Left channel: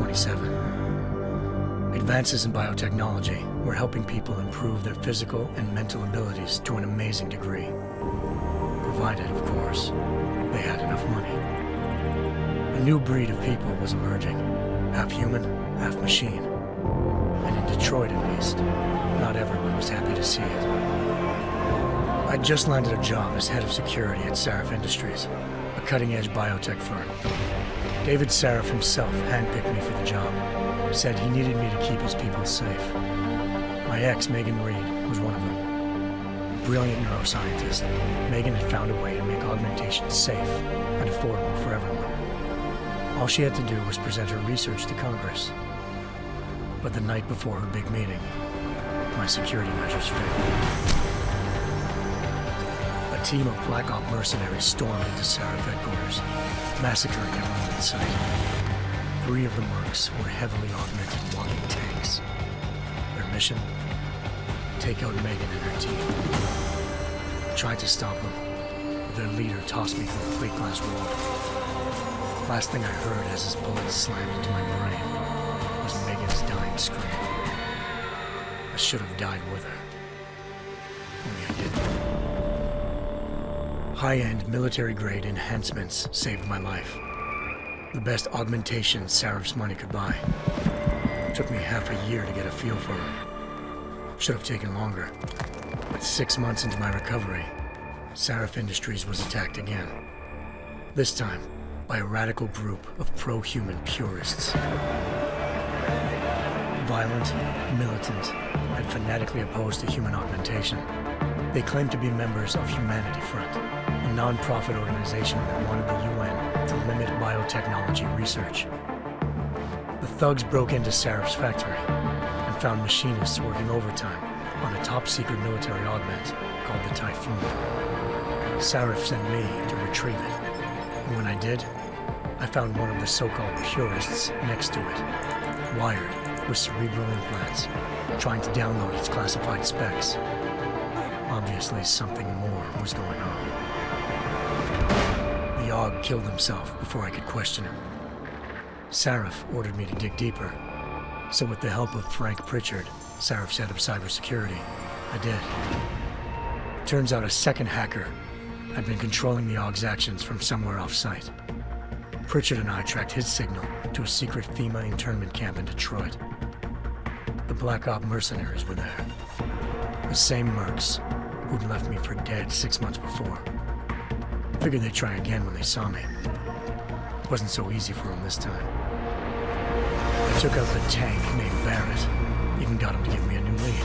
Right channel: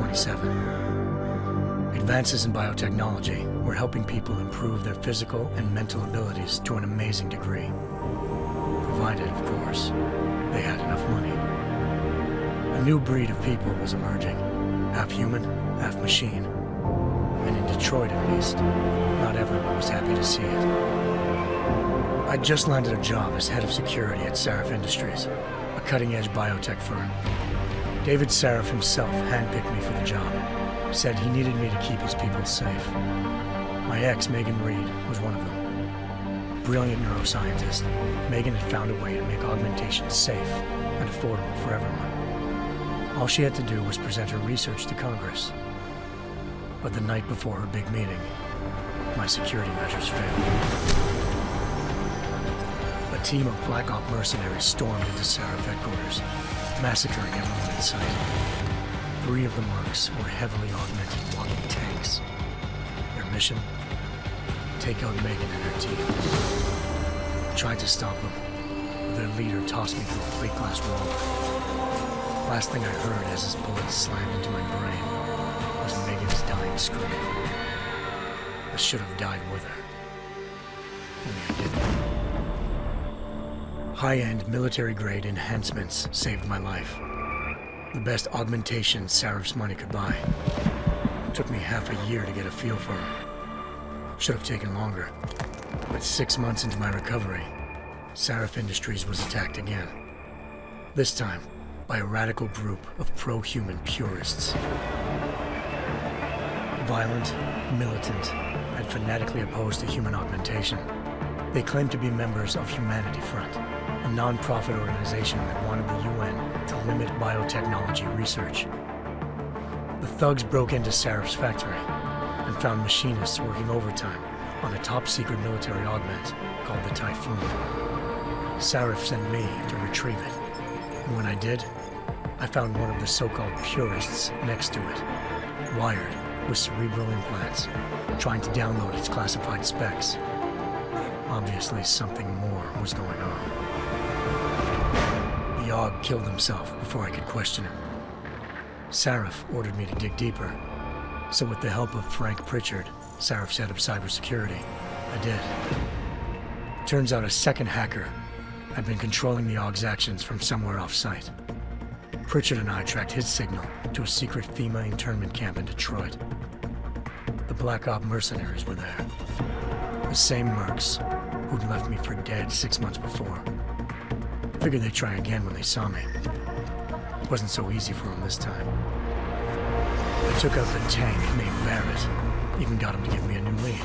27. Advances in biotechnology were helping people improve their physical and mental abilities to an amazing degree. Provided, of course, they had enough money. A new breed of people was emerging, half human, half machine. And in Detroit, at least, not everyone was happy to see it. I'd just landed a job as head of security at Sarif Industries, a cutting-edge biotech firm. David Sarif himself handpicked me for the job, said he needed me to keep his people safe. My ex, Megan Reed, was one of them. Brilliant neuroscientist, Megan had found a way to make augmentation safe and affordable for everyone. All she had to do was present her research to Congress. But the night before her big meeting, my security measures failed. A team of Black Op mercenaries stormed into Sarif headquarters, massacring everyone in sight. 3 of the mercs were heavily augmented walking tanks. Their mission? Take out Megan and her team. I tried to stop them, but their leader tossed me through a plate glass wall. Last thing I heard as his bullets slammed into my brain was Megan's dying scream. I should have died with her. Only I didn't. High-end military-grade enhancements saved my life. The best augmentation Sarif's money could buy. It took me half a year to get a feel for her. Should have taken longer. But 6 months into my recovery, Sarif Industries was attacked again. This time, by a radical group of pro-human purists. Violent, militant, and fanatically opposed to human augmentation. They claimed to be members of Humanity Front, a non-profit organization that wanted the UN to limit biotechnology research. The thugs broke into Sarif's factory and found machinists working overtime on a top-secret military augment called the Typhoon. Sarif sent me to retrieve it, and when I did, I found one of the so-called purists next to it, wired with cerebral implants, trying to download its classified specs. Obviously, something more was going on. The AUG killed himself before I could question him. Sarif ordered me to dig deeper, so with the help of Frank Pritchard, Sarif's head of cybersecurity, I did. Turns out a second hacker had been controlling the AUG's actions from somewhere off-site. Pritchard and I tracked his signal to a secret FEMA internment camp in Detroit. The Black Op mercenaries were there. The same mercs who'd left me for dead 6 months before. Figured they'd try again when they saw me. It wasn't so easy for them this time. I took out the tank named Barrett, even got him to give me a new lead.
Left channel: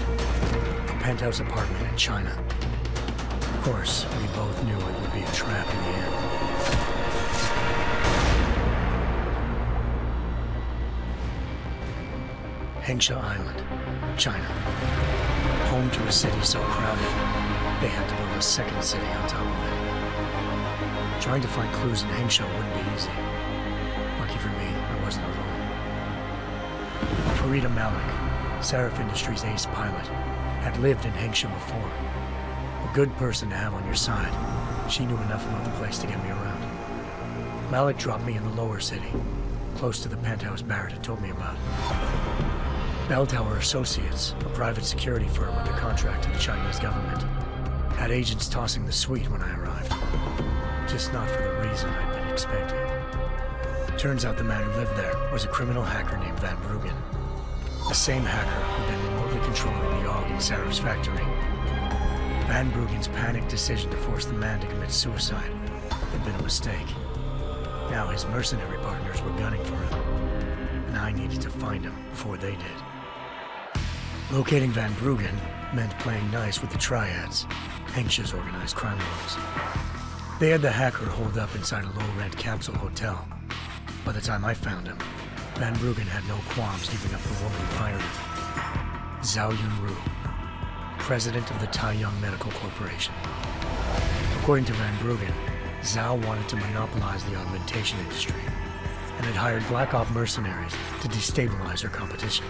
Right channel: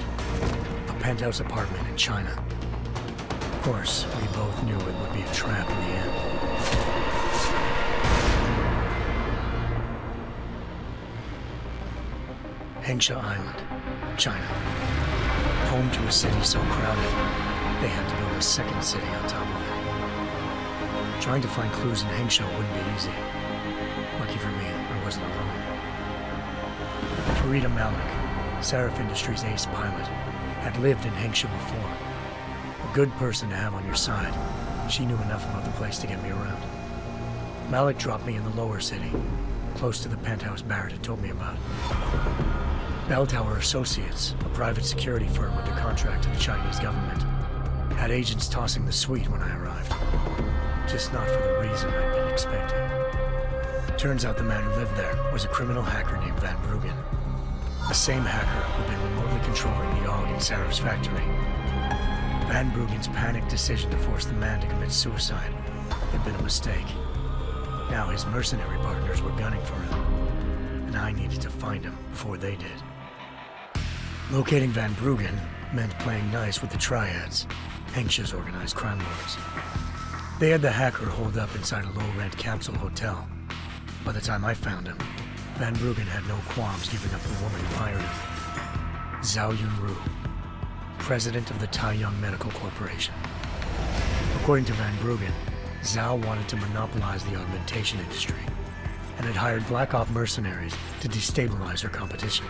A penthouse apartment in China. Of course, we both knew it would be a trap in the end. Hengsha Island, China. Home to a city so crowded, they had to build a second city on top of it. Trying to find clues in Hengsha wouldn't be easy. Lucky for me, I wasn't alone. Farida Malik, Sarif Industries' ace pilot, had lived in Hengsha before. A good person to have on your side. She knew enough about the place to get me around. Malik dropped me in the lower city, close to the penthouse Barrett had told me about. Bell Tower Associates, a private security firm under contract to the Chinese government, had agents tossing the suite when I arrived. Just not for the reason I'd been expecting. Turns out the man who lived there was a criminal hacker named Van Bruggen. The same hacker who'd been remotely controlling the AUG in Sarif's factory. Van Bruggen's panicked decision to force the man to commit suicide had been a mistake. Now his mercenary partners were gunning for him, and I needed to find him before they did. Locating Van Bruggen meant playing nice with the Triads, Hengsha's organized crime lords. They had the hacker holed up inside a low-rent capsule hotel. By the time I found him, Van Bruggen had no qualms giving up the woman who hired him. Zhao Yunru, president of the Taiyang Medical Corporation. According to Van Bruggen, Zhao wanted to monopolize the augmentation industry and had hired Black Op mercenaries to destabilize her competition.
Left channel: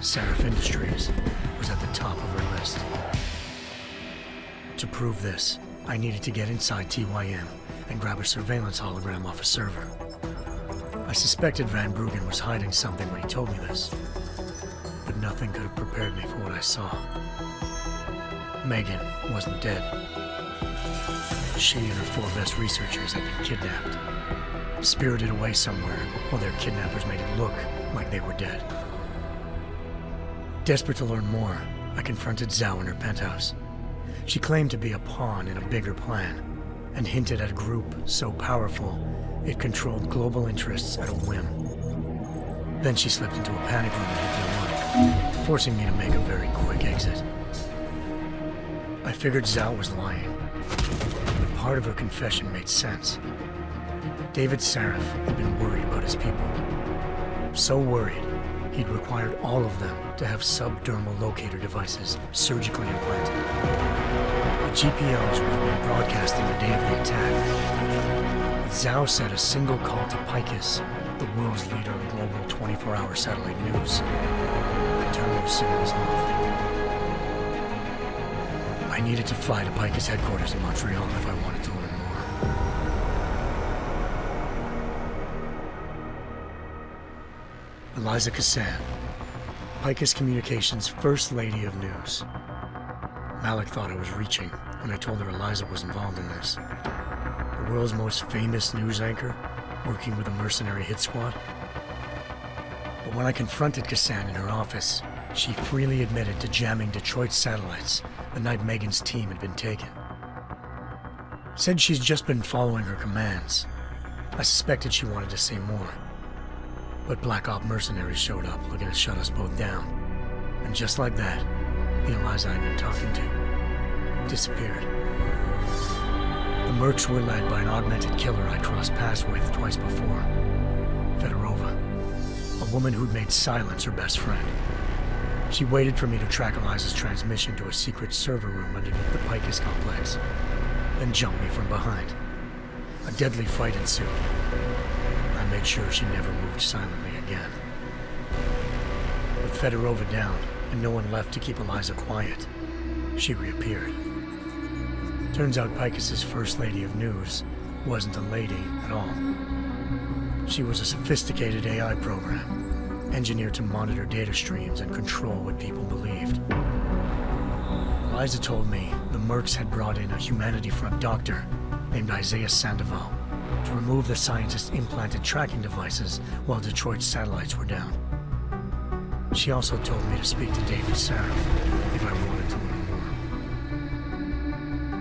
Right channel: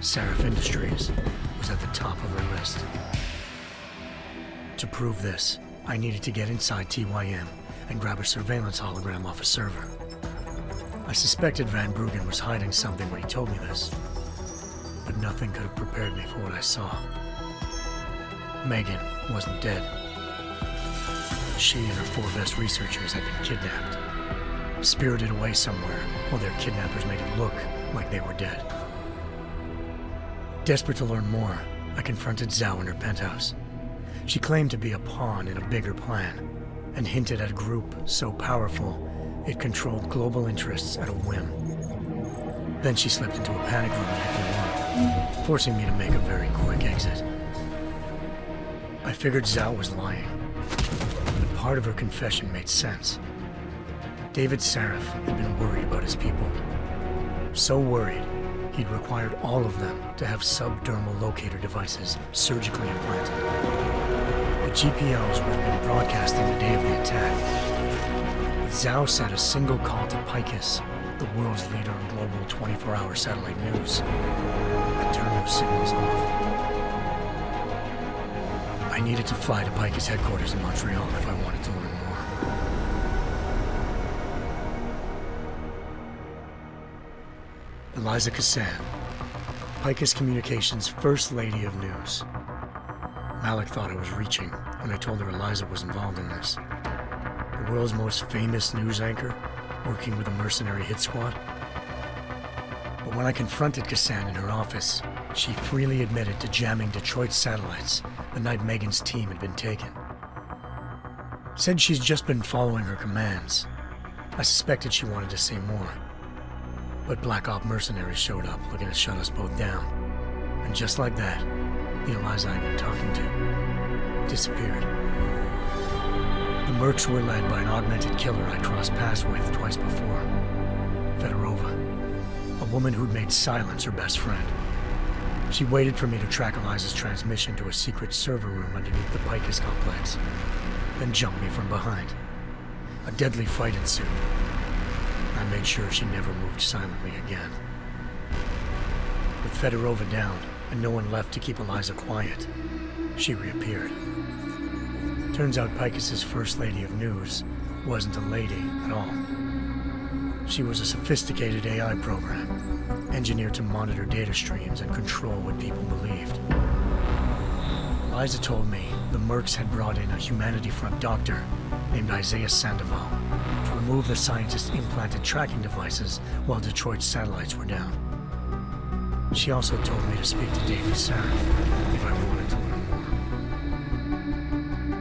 Sarif Industries was at the top of her list. To prove this, I needed to get inside TYM and grab a surveillance hologram off a server. I suspected Van Bruggen was hiding something when he told me this, but nothing could have prepared me for what I saw. Megan wasn't dead. She and her 4 best researchers had been kidnapped, spirited away somewhere while their kidnappers made it look like they were dead. Desperate to learn more, I confronted Zhao in her penthouse. She claimed to be a pawn in a bigger plan, and hinted at a group so powerful it controlled global interests at a whim. Then she slipped into a panic room and hit the alarm, forcing me to make a very quick exit. I figured Zhao was lying, but part of her confession made sense. David Sarif had been worried about his people. So worried, he'd required all of them to have subdermal locator devices surgically implanted. The GPOs would have been broadcasting the day of the attack. But Zhao said a single call to Picus, the world's leader in global 24-hour satellite news, had turned those signals off. I needed to fly to Picus headquarters in Montreal if I wanted to learn more. Eliza Cassan, Picus Communications' First Lady of News. Malik thought I was reaching when I told her Eliza was involved in this. The world's most famous news anchor, working with a mercenary hit squad. But when I confronted Cassan in her office, she freely admitted to jamming Detroit's satellites the night Megan's team had been taken. Said she's just been following her commands. I suspected she wanted to say more. But Black Op mercenaries showed up looking to shut us both down. And just like that, the Eliza I'd been talking to disappeared. The Mercs were led by an augmented killer I'd crossed paths with twice before, Fedorova, a woman who'd made silence her best friend. She waited for me to track Eliza's transmission to a secret server room underneath the Picus complex, then jumped me from behind. A deadly fight ensued. I made sure she never moved silently again. With Fedorova down and no one left to keep Eliza quiet, she reappeared. Turns out Picus's First Lady of News wasn't a lady at all. She was a sophisticated AI program, engineered to monitor data streams and control what people believed. Eliza told me the Mercs had brought in a Humanity Front doctor named Isaiah Sandoval to remove the scientist's implanted tracking devices while Detroit's satellites were down. She also told me to speak to David Sarif if I wanted to learn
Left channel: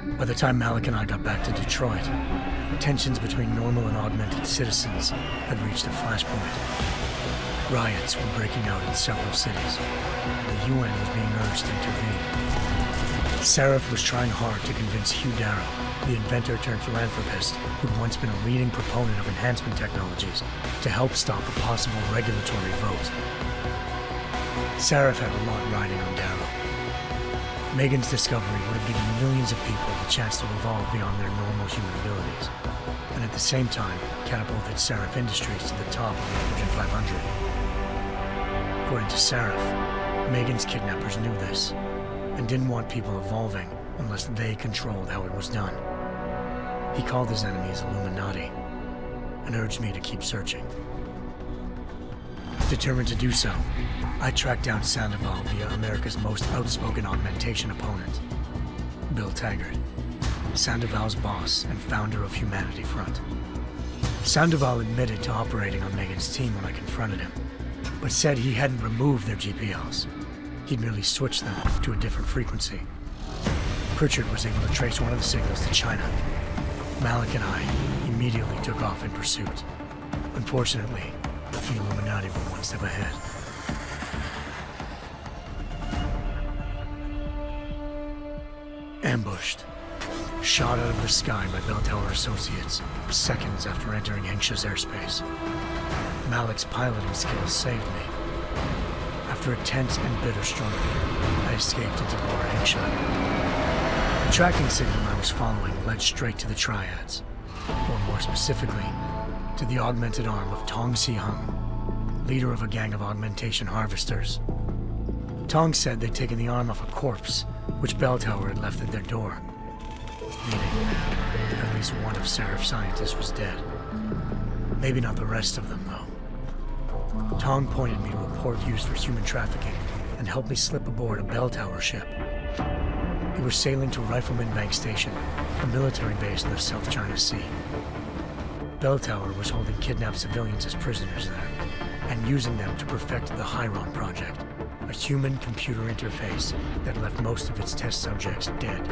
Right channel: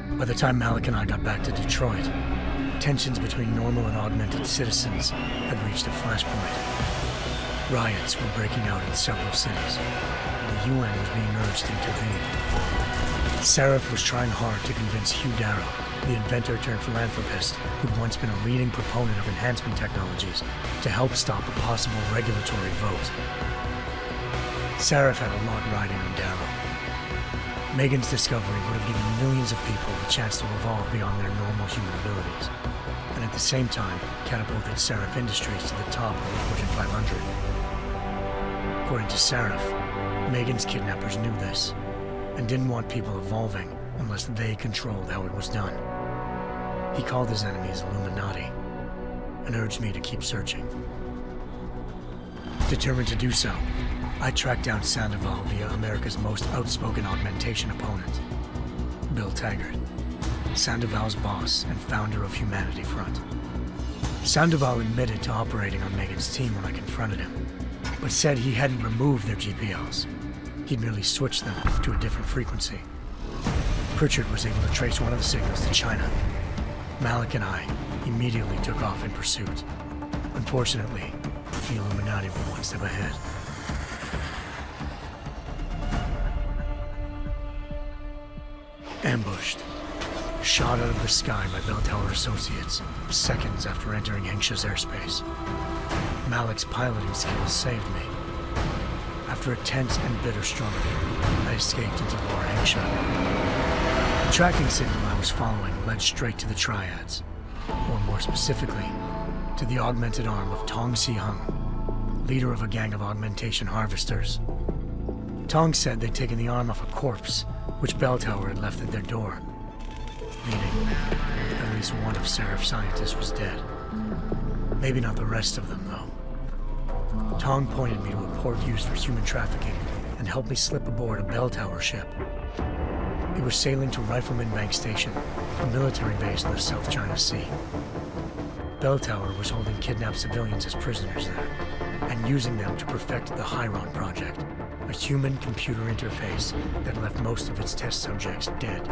more. By the time Malik and I got back to Detroit, tensions between normal and augmented citizens had reached a flashpoint. Riots were breaking out in several cities, and the UN was being urged to intervene. Sarif was trying hard to convince Hugh Darrow, the inventor turned philanthropist who'd once been a leading proponent of enhancement technologies, to help stop a possible regulatory vote. Sarif had a lot riding on Darrow. Megan's discovery would have given millions of people the chance to evolve beyond their normal human abilities, and at the same time catapulted Sarif Industries to the top of the Fortune 500. According to Sarif, Megan's kidnappers knew this, and didn't want people evolving unless they controlled how it was done. He called his enemies Illuminati, and urged me to keep searching. Determined to do so, I tracked down Sandoval via America's most outspoken augmentation opponent, Bill Taggart, Sandoval's boss and founder of Humanity Front. Sandoval admitted to operating on Megan's team when I confronted him, but said he hadn't removed their GPLs. He'd merely switched them to a different frequency. Pritchard was able to trace one of the signals to China. Malik and I immediately took off in pursuit. Unfortunately, the Illuminati were one step ahead. Ambushed. Shot out of the sky by Bell Tower Associates, seconds after entering Hengsha's airspace. Malik's piloting skills saved me. After a tense and bitter struggle, I escaped into Lower Hengsha. The tracking signal I was following led straight to the Triads, or more specifically, to the augmented arm of Tong Si-hung, leader of a gang of augmentation harvesters. Tong said they'd taken the arm off a corpse, which Bell Tower had left at their door, meaning at least one of Sarif's scientists was dead. Maybe not the rest of them, though. Tong pointed me to a port used for human trafficking and helped me slip aboard a bell tower ship. It was sailing to Rifleman Bank Station, a military base in the South China Sea. Bell Tower was holding kidnapped civilians as prisoners there, and using them to perfect the Hyron Project, a human-computer interface that left most of its test subjects dead.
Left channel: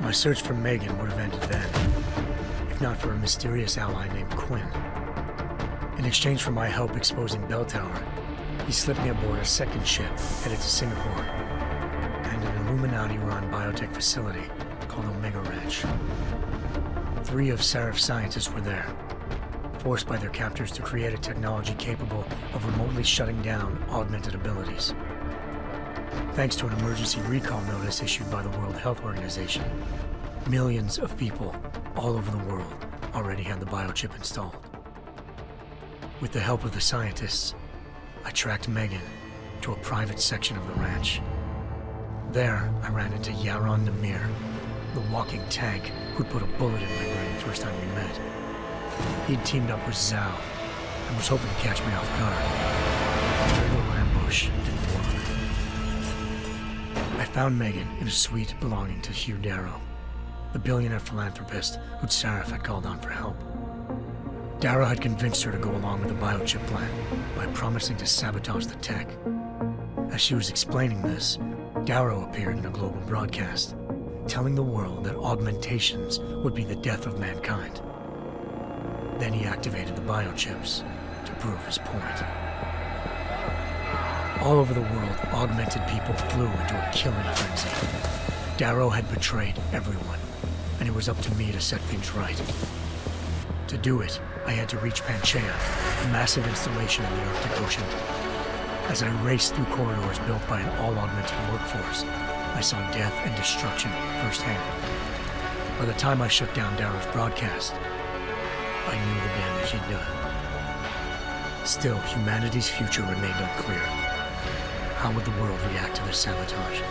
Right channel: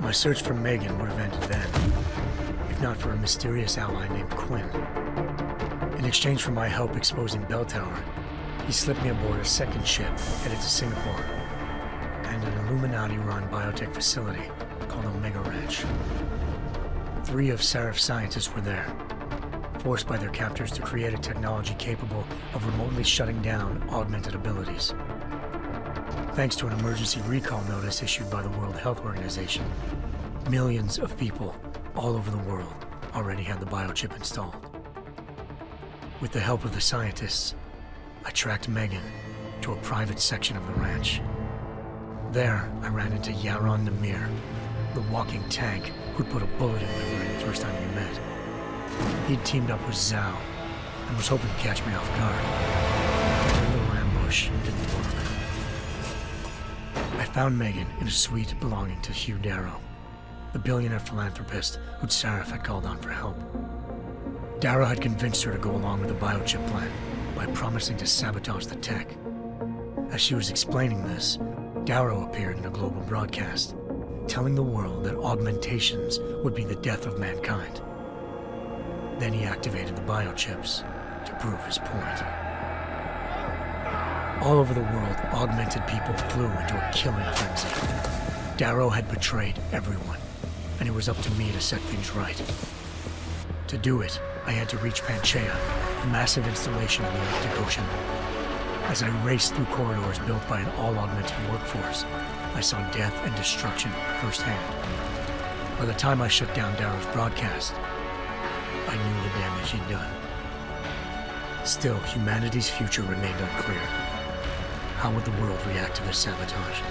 My search for Megan would have ended then, if not for a mysterious ally named Quinn. In exchange for my help exposing Bell Tower, he slipped me aboard a second ship headed to Singapore and an Illuminati-run biotech facility called Omega Ranch. 3 of Seraph's scientists were there, forced by their captors to create a technology capable of remotely shutting down augmented abilities. Thanks to an emergency recall notice issued by the World Health Organization, millions of people all over the world already had the biochip installed. With the help of the scientists, I tracked Megan to a private section of the ranch. There, I ran into Yaron Namir, the walking tank who'd put a bullet in my brain the first time we met. He'd teamed up with Zhao and was hoping to catch me off guard. Their little ambush didn't work. I found Megan in a suite belonging to Hugh Darrow, the billionaire philanthropist who'd Seraph had called on for help. Darrow had convinced her to go along with the biochip plan by promising to sabotage the tech. As she was explaining this, Darrow appeared in a global broadcast, telling the world that augmentations would be the death of mankind. Then he activated the biochips to prove his point. All over the world, augmented people flew into a killing frenzy. Darrow had betrayed everyone, and it was up to me to set things right. To do it, I had to reach Panchaea, a massive installation in the Arctic Ocean. As I raced through corridors built by an all-augmented workforce, I saw death and destruction firsthand. By the time I shut down Darrow's broadcast, I knew the damage he'd done. Still, humanity's future remained unclear. How would the world react to this sabotage?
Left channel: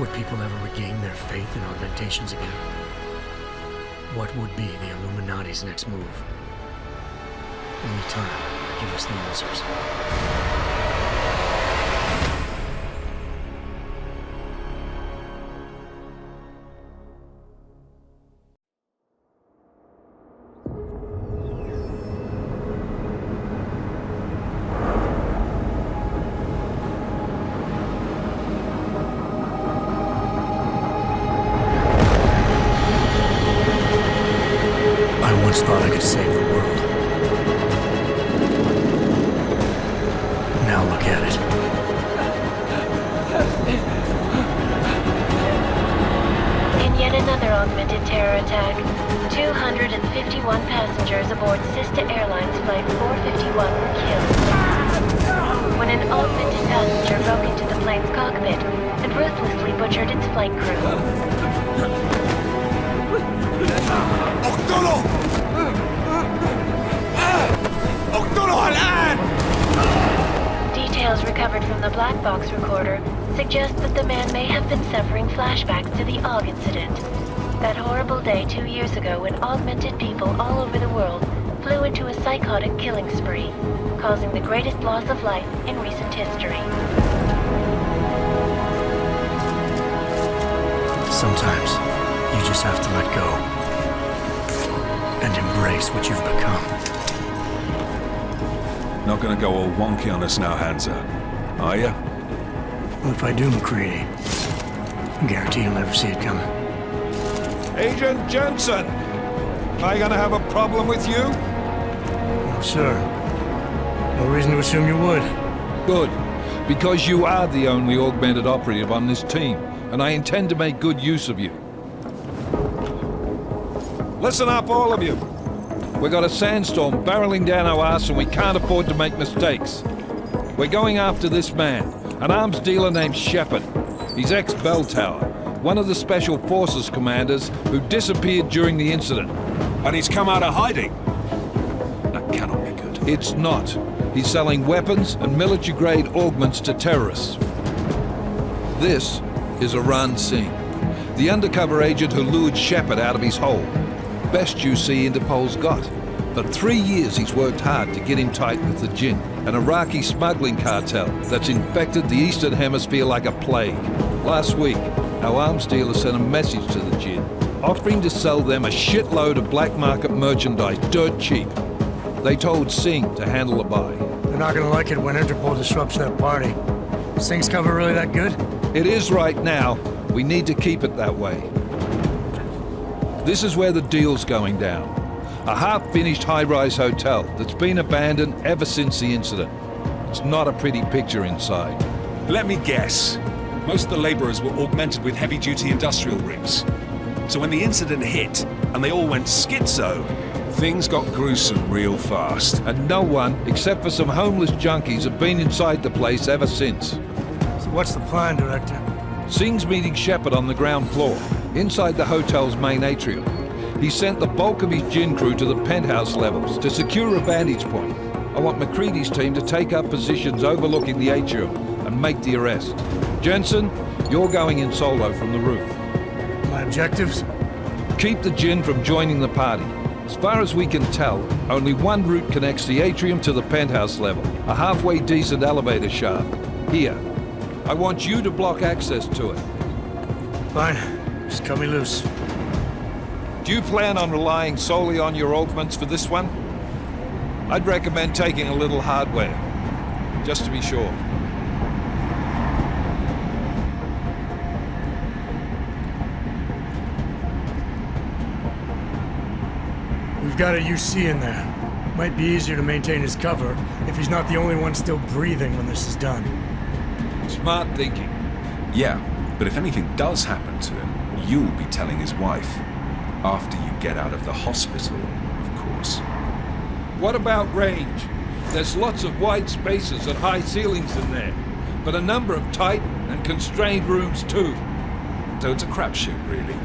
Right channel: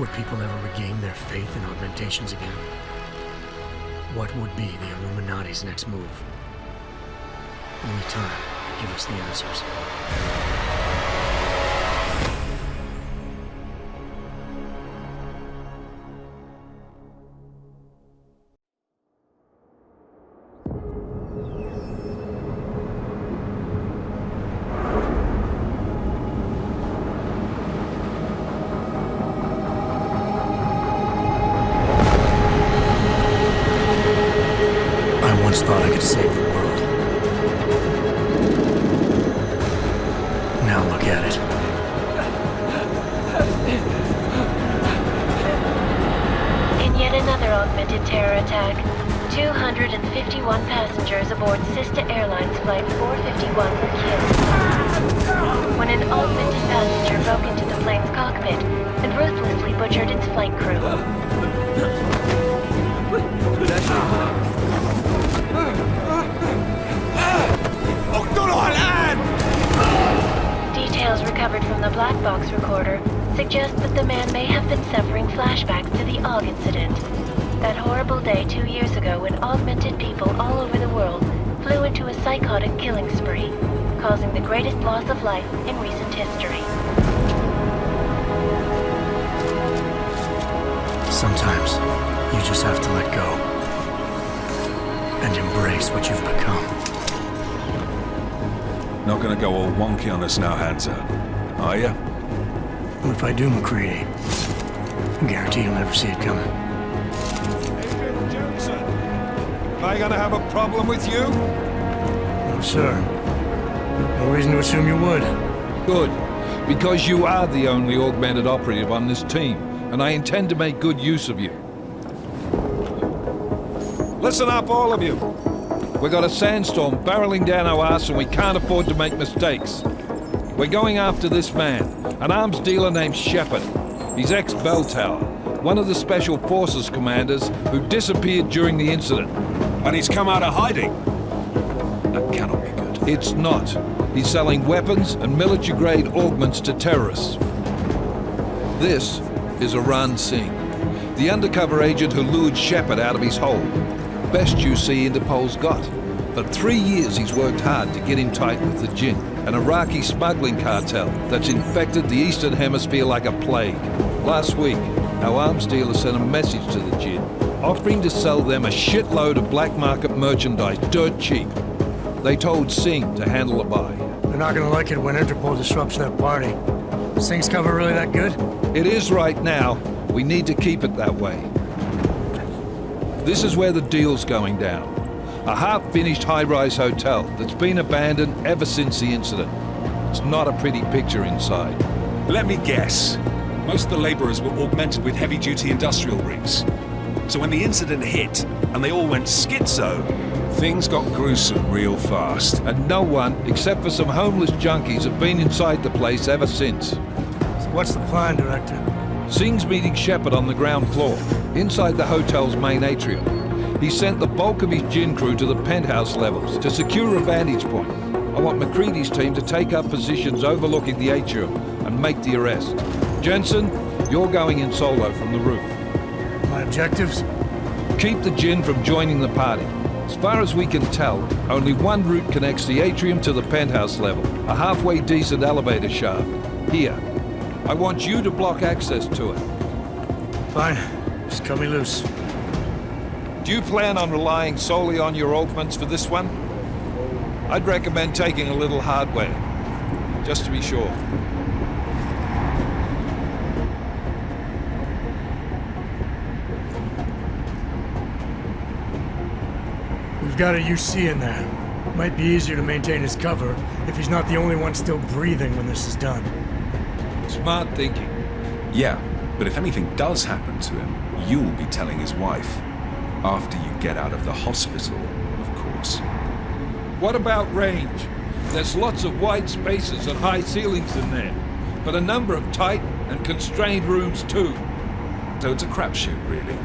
Would people ever regain their faith in augmentations again? What would be the Illuminati's next move? Only time could give us the answers. I once thought I could save the world. Now look at it. In yet another augmented terror attack, 251 passengers aboard Sister Airlines Flight 451 were killed when an augmented passenger broke into the plane's cockpit and ruthlessly butchered its flight crew. Details recovered from the black box recorder suggest that the man may have been suffering flashbacks to the AUG incident. That horrible day 2 years ago when augmented people all over the world flew into a psychotic killing spree, causing the greatest loss of life in recent history. Sometimes, you just have to let go and embrace what you've become. Not gonna go all wonky on us now, Hansa, are ya? Well, if I do, McCready, I guarantee you'll never see it coming. Agent Jensen! Am I gonna have a problem with you? No, sir. No reason to assume you would. Good, because you are the only augmented operative on this team, and I intend to make good use of you. Listen up, all of you. We got a sandstorm barreling down our arse and we can't afford to make mistakes. We're going after this man, an arms dealer named Shepard. He's ex-Bell Tower, one of the Special Forces commanders who disappeared during the incident. And he's come out of hiding. That cannot be good. It's not. He's selling weapons and military-grade augments to terrorists. This is Aran Singh, the undercover agent who lured Shepard out of his hole. Best you see Interpol's got. For 3 years he's worked hard to get in tight with the Jinn, an Iraqi smuggling cartel that's infected the Eastern Hemisphere like a plague. Last week, our arms dealer sent a message to the Jinn, offering to sell them a shitload of black market merchandise dirt cheap. They told Singh to handle the buy. They're not gonna like it when Interpol disrupts their party. Singh's cover really that good? It is right now. We need to keep it that way. This is where the deal's going down. A half-finished high-rise hotel that's been abandoned ever since the incident. It's not a pretty picture inside. Let me guess. Most of the laborers were augmented with heavy-duty industrial rigs. So when the incident hit, and they all went schizo, things got gruesome real fast. And no one, except for some homeless junkies, have been inside the place ever since. So what's the plan, Director? Singh's meeting Shepard on the ground floor, inside the hotel's main atrium. He sent the bulk of his Jinn crew to the penthouse levels to secure a vantage point. I want McCready's team to take up positions overlooking the atrium and make the arrest. Jensen, you're going in solo from the roof. My objectives? Keep the Jinn from joining the party. As far as we can tell, only one route connects the atrium to the penthouse level, a halfway decent elevator shaft. Here. I want you to block access to it. Fine. Just cut me loose. Do you plan on relying solely on your augments for this one? I'd recommend taking a little hardware, just to be sure. We've got a UC in there. Might be easier to maintain his cover if he's not the only one still breathing when this is done. Smart thinking. Yeah, but if anything does happen to him, you'll be telling his wife. After you get out of the hospital, of course. What about range? There's lots of wide spaces and high ceilings in there, but a number of tight and constrained rooms too. So it's a crapshoot, really.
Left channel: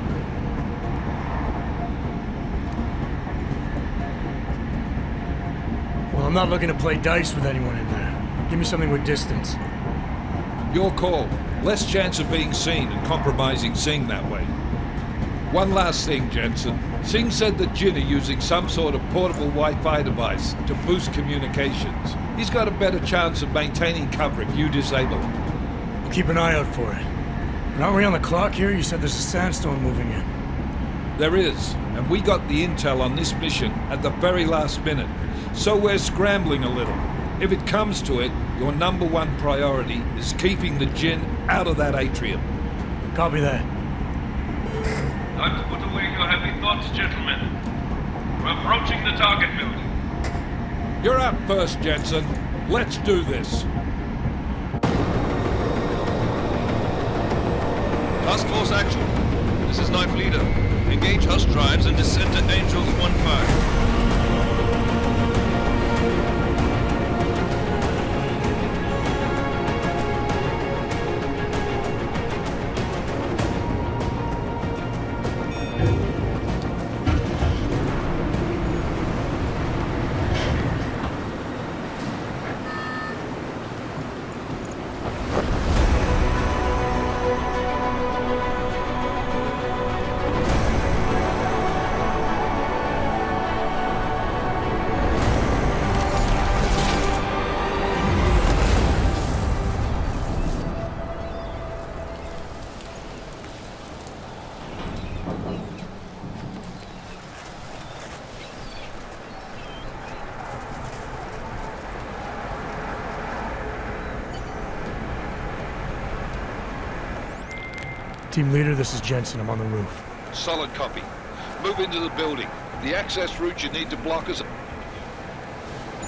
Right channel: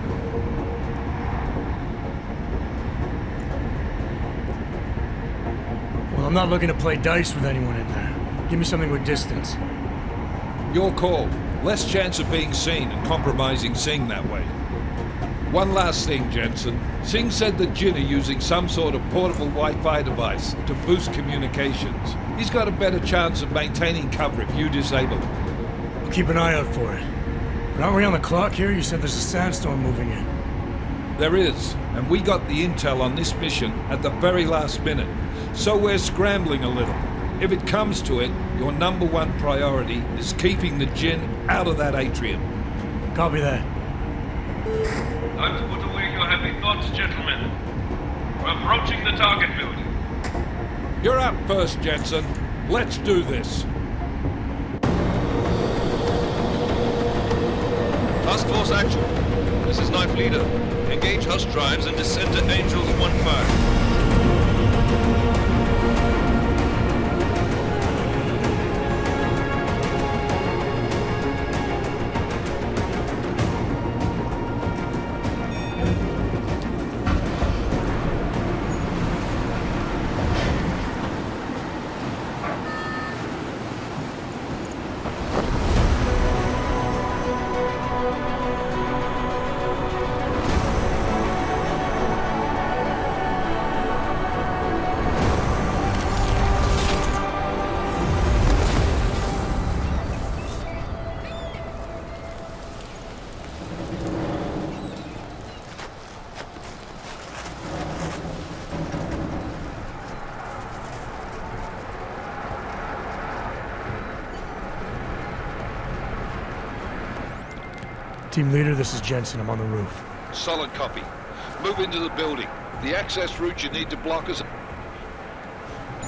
Well, I'm not looking to play dice with anyone in there. Give me something with distance. Your call. Less chance of being seen and compromising Singh that way. One last thing, Jensen. Singh said the Jinn are using some sort of portable Wi-Fi device to boost communications. He's got a better chance of maintaining cover if you disable it. I'll keep an eye out for it. But aren't we on the clock here? You said there's a sandstorm moving in. There is, and we got the intel on this mission at the very last minute, so we're scrambling a little. If it comes to it, your number one priority is keeping the Jinn out of that atrium. Copy that. Time to put away your heavy thoughts, gentlemen. We're approaching the target building. You're up first, Jensen. Let's do this. Task Force Action. This is Knife Leader. Engage Hush drives and descend to Angels 1-5. Team leader, this is Jensen. I'm on the roof. Solid copy. Move into the building. The access route you need to block is at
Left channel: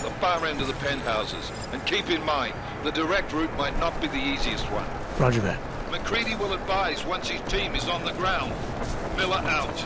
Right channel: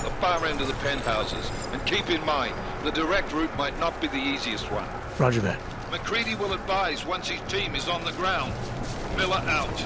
the far end of the penthouses. And keep in mind, the direct route might not be the easiest one. Roger that. McCready will advise once his team is on the ground. Miller out.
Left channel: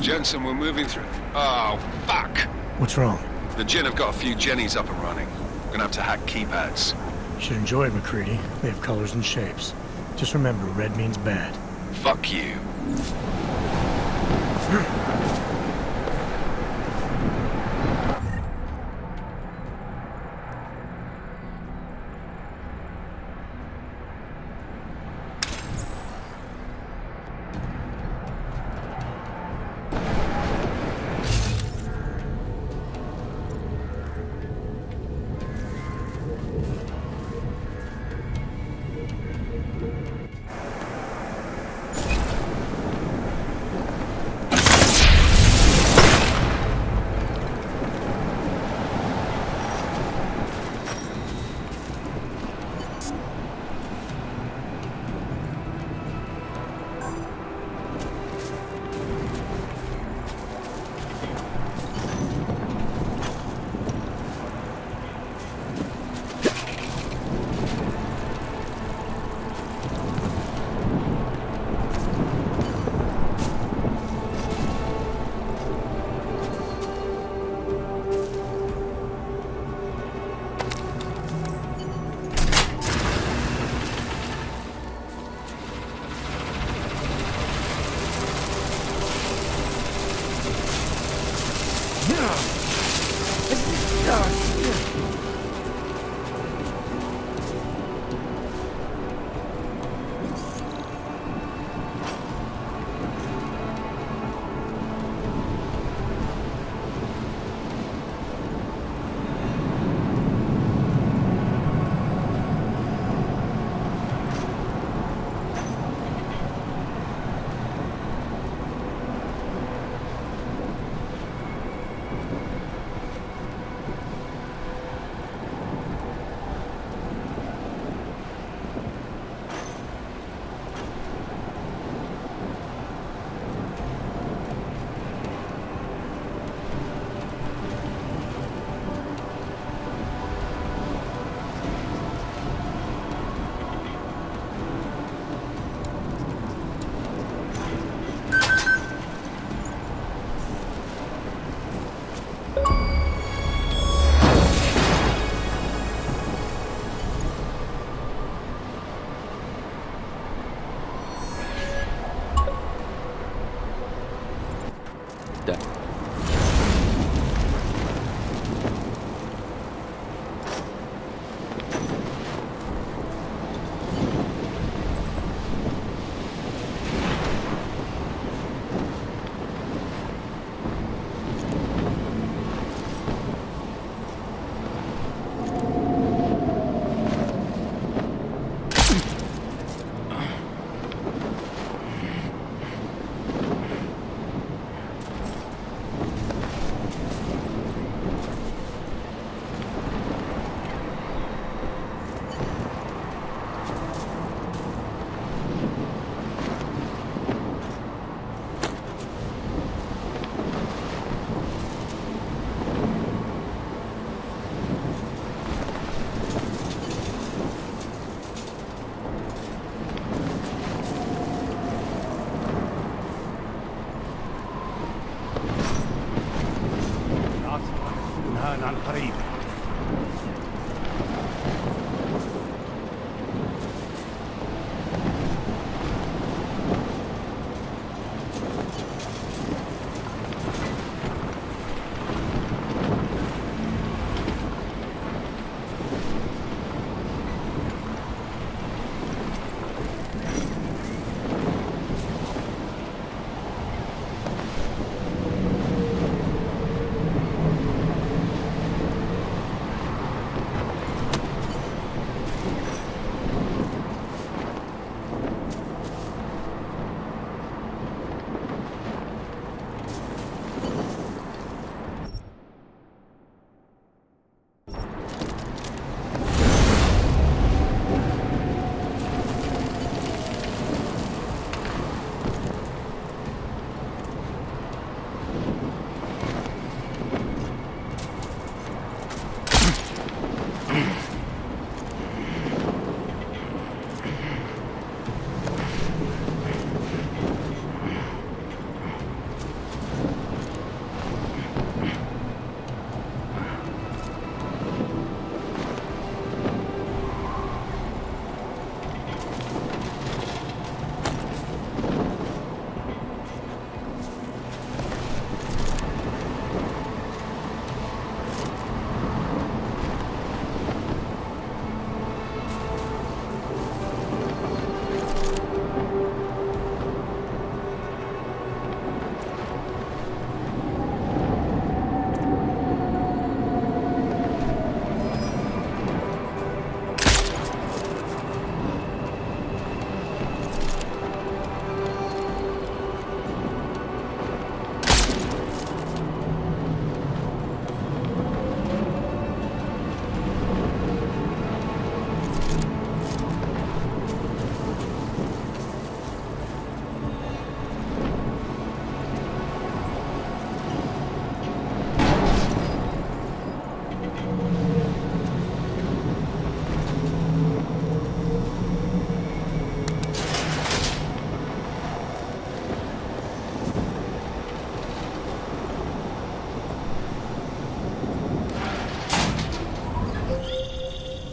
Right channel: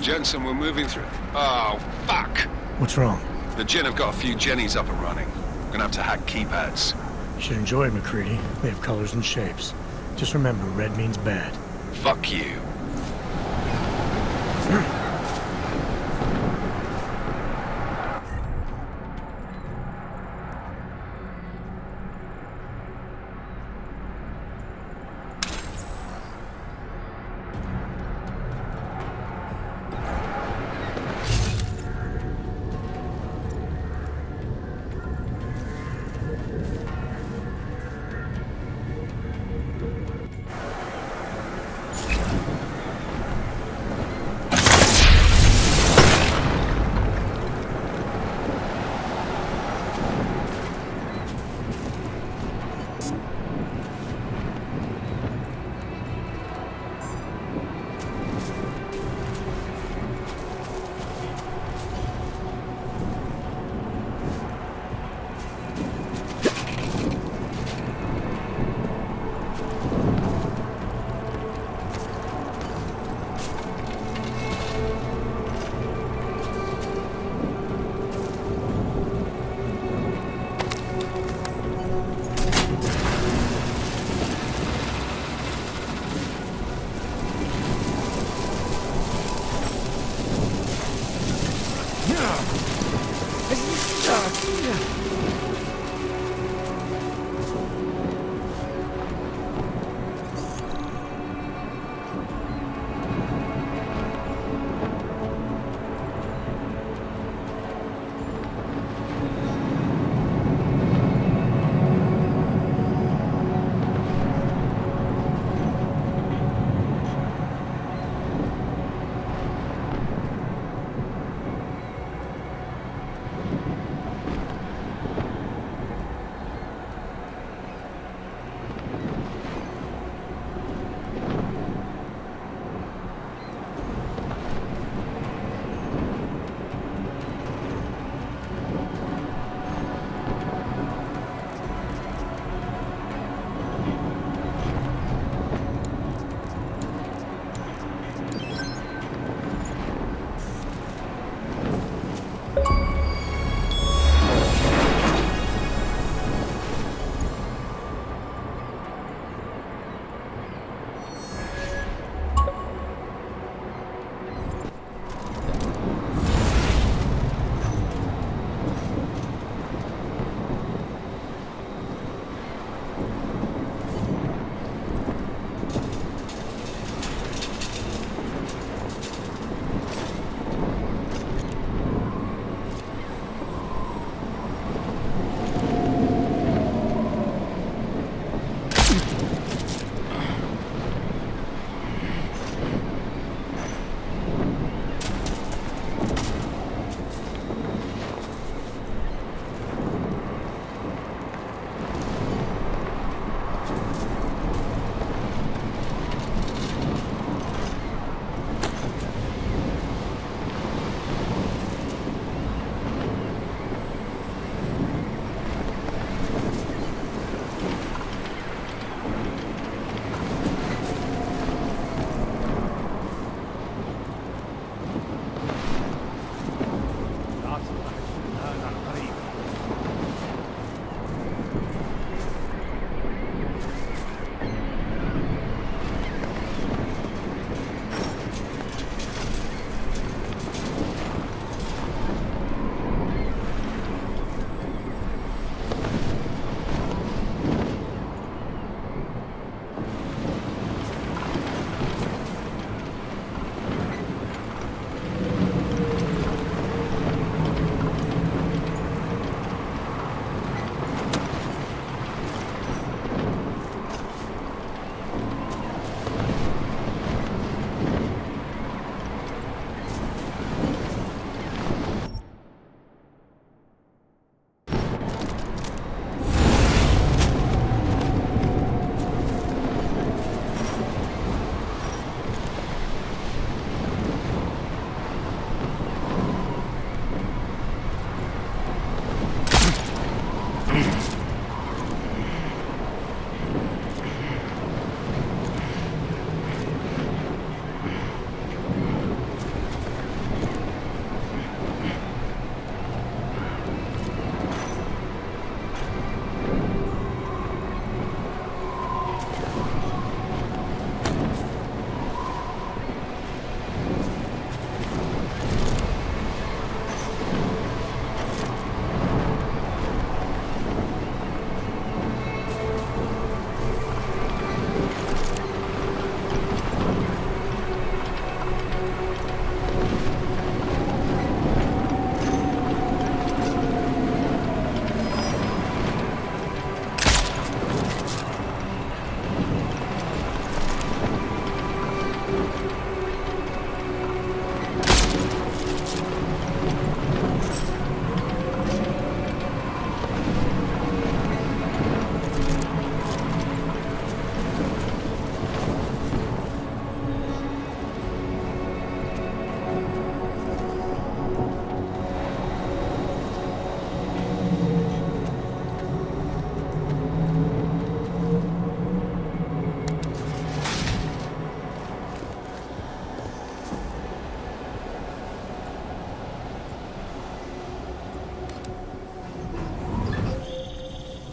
Jensen, we're moving through... Oh, fuck! What's wrong? The Jinn have got a few Jennies up and running. Gonna have to hack keypads. You should enjoy it, McCready. They have colors and shapes. Just remember, red means bad. Fuck you.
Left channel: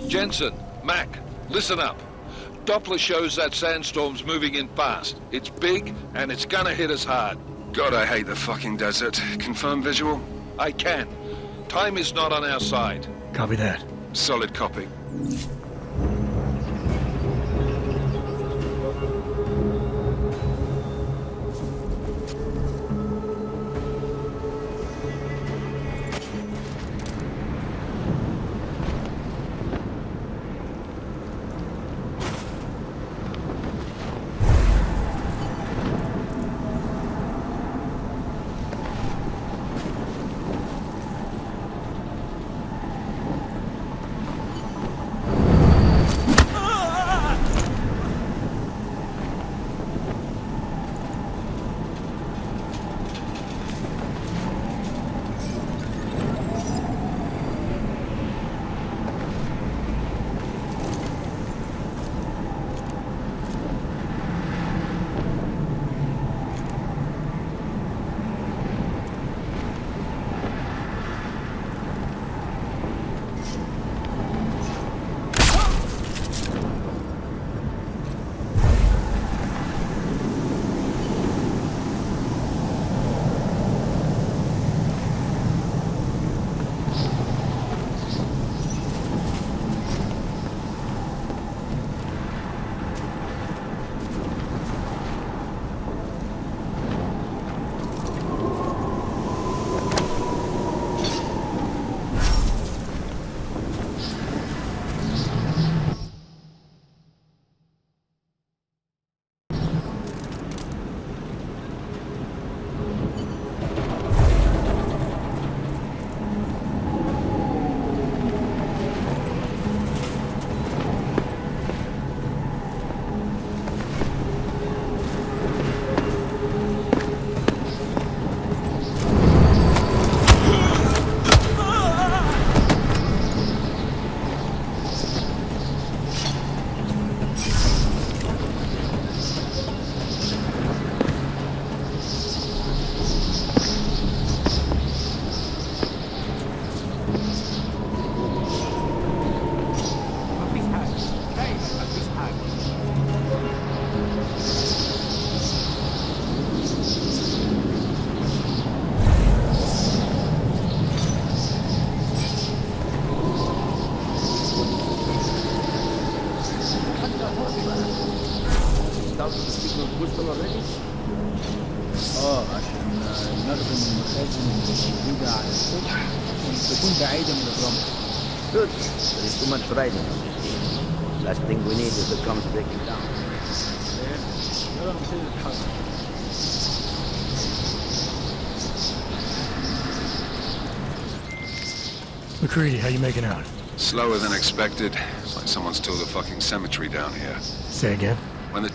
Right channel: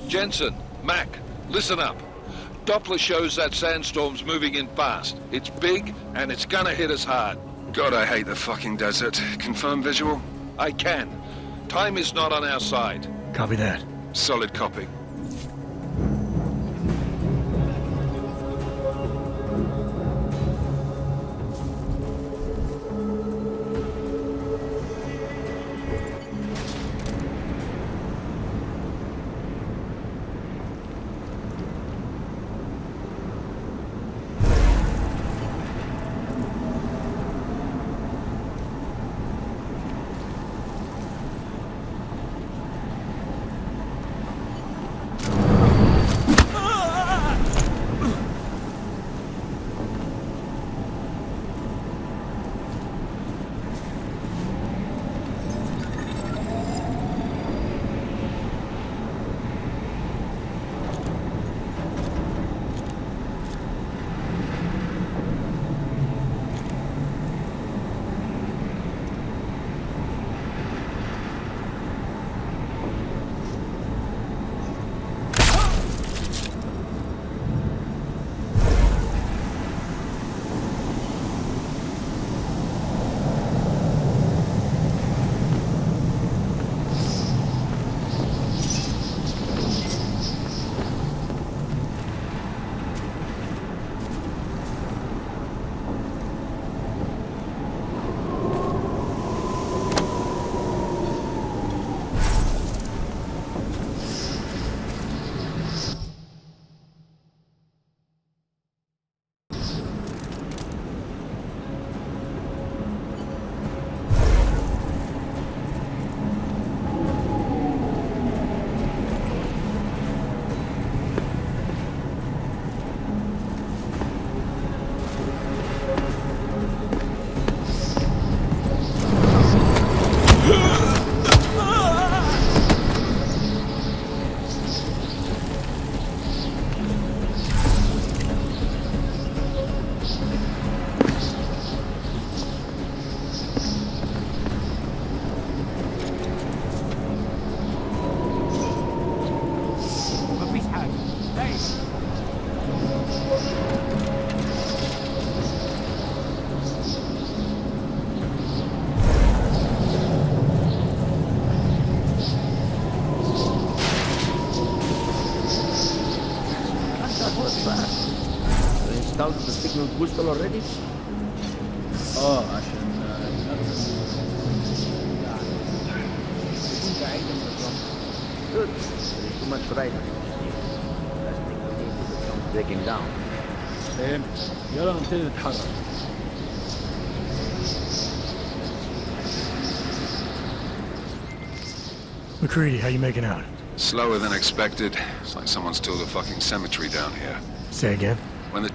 Jensen, Mac, listen up. Doppler shows that sandstorm's moving in fast. It's big, and it's gonna hit us hard. God, I hate the fucking desert. Confirm visual? I can. Time is not on our side. Copy that. Solid copy. installed the signal booster already? عشان نخدم المخازن الجديدة على السطح تكون بعيدة من الرمل. Good. There is too much riding. Last thing we need is the drums breaking down. فهمت. يلا نبتدي نتحرك. McCready, how you making out? Slower than expected. It's like someone's tilled a fucking cemetery down here. Say again? When the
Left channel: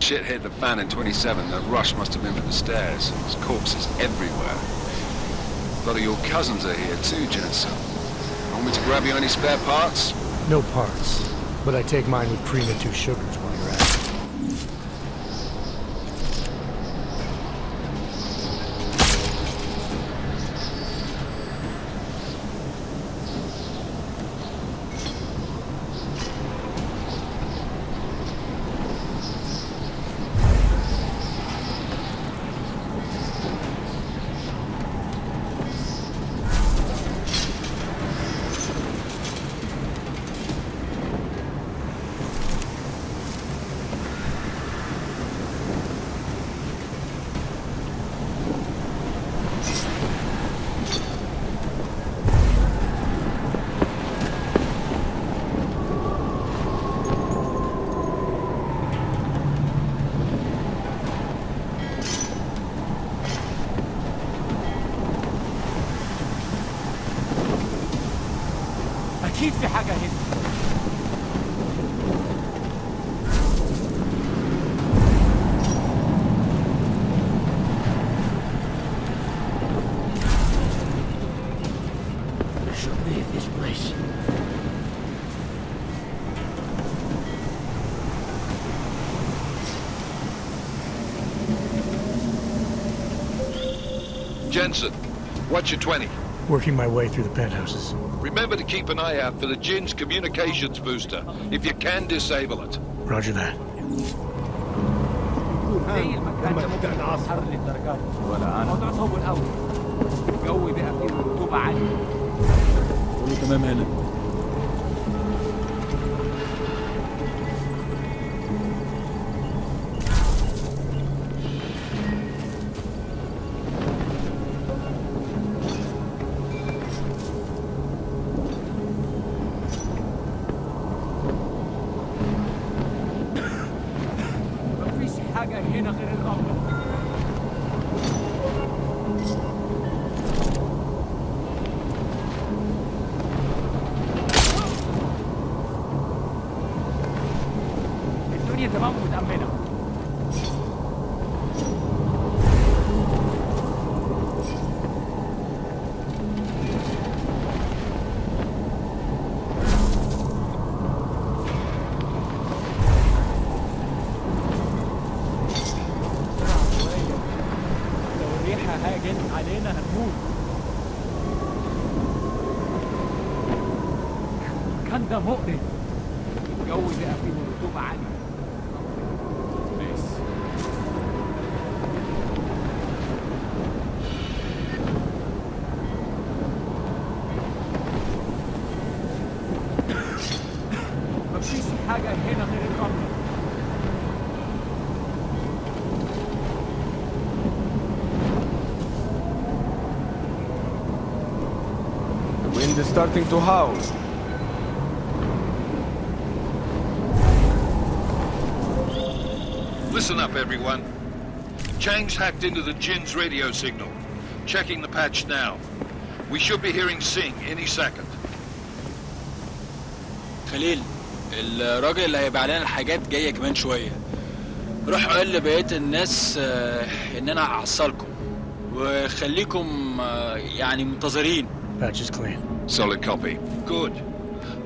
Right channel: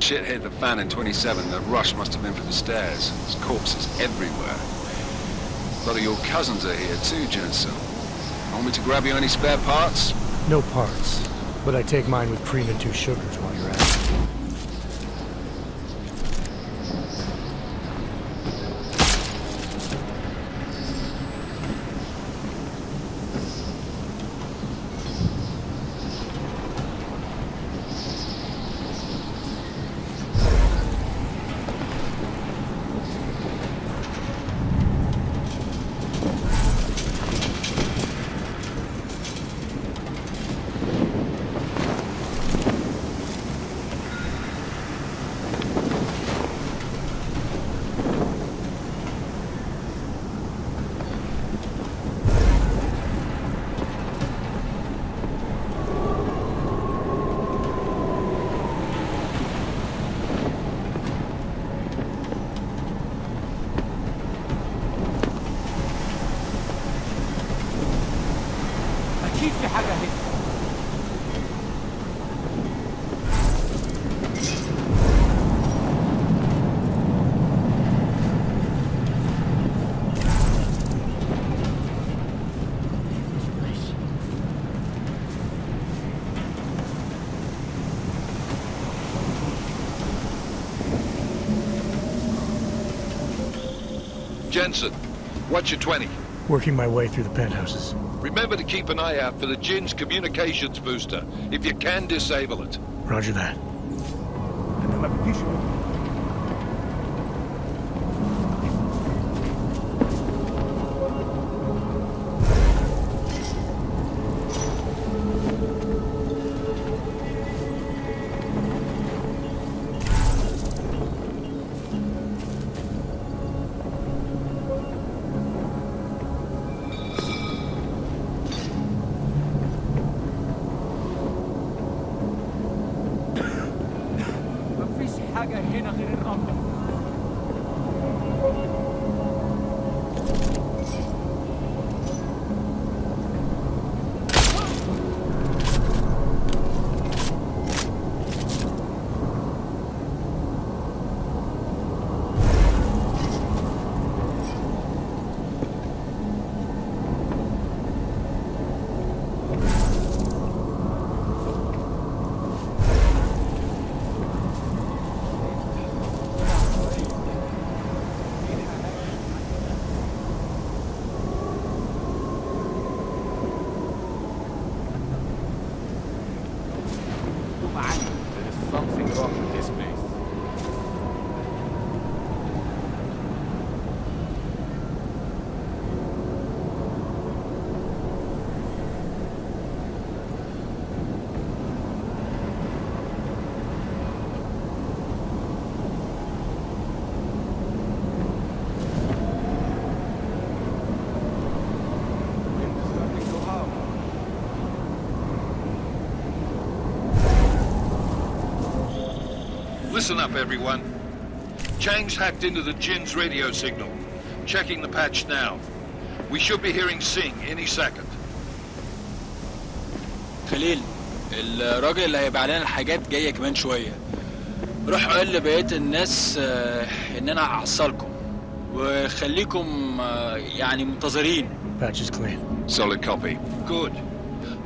shit hit the fan in 27, the rush must have been for the stairs. There's corpses everywhere. A lot of your cousins are here too, Jensen. Want me to grab you any spare parts? No parts, but I take mine with cream and 2 sugars while you're at it. أكيد في حاجة هنا. Jensen, what's your 20? Working my way through the penthouses. Remember to keep an eye out for the Jin's communications booster. If you can, disable it. Roger that. حاجة هنا غير الرملة. الدنيا تمام قدام هنا. Starting to howl. Listen up, everyone. Chang's hacked into the Jin's radio signal. Checking the patch now. We should be hearing Sing any second. خليل، الراجل اللي هيبيع لنا الحاجات جايه كمان شويه. روح قول لبقيه الناس ان انا هحصلكم وخليكم يعني منتظرين. Patch is clean. Solid copy. Good.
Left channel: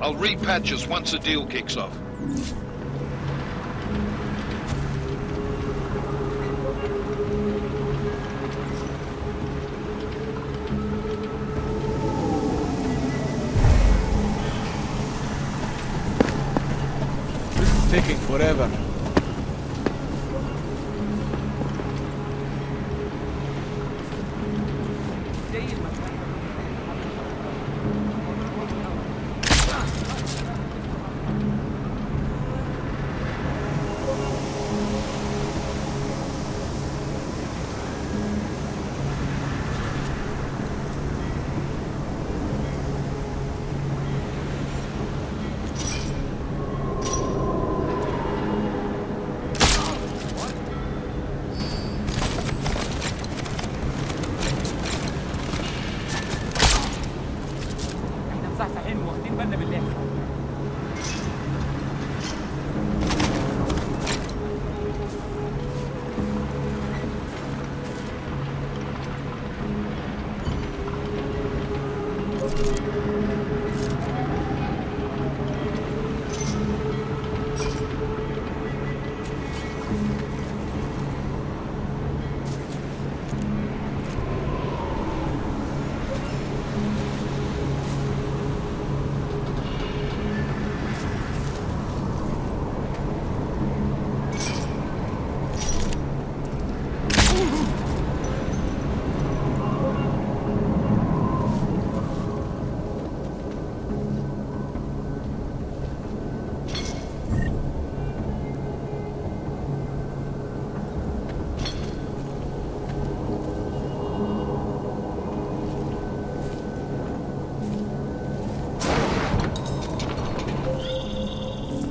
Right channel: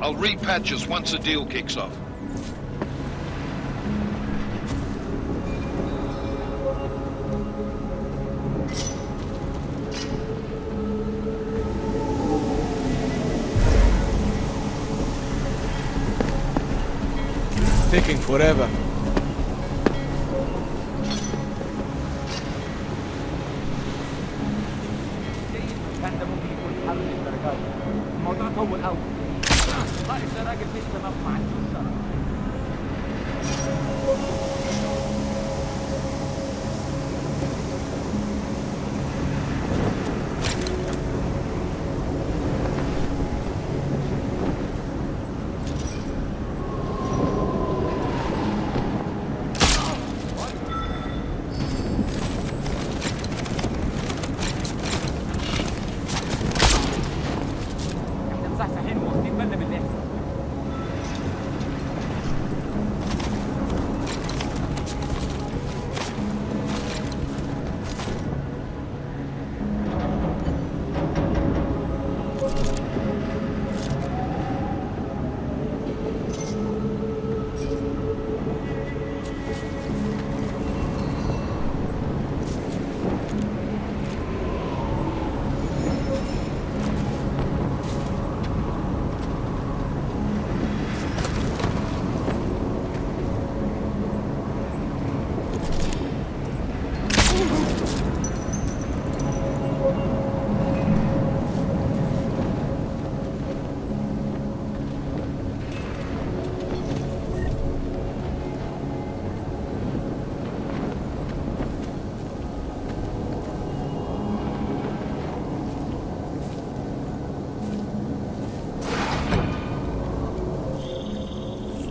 I'll repatch us once the deal kicks off. This is taking forever.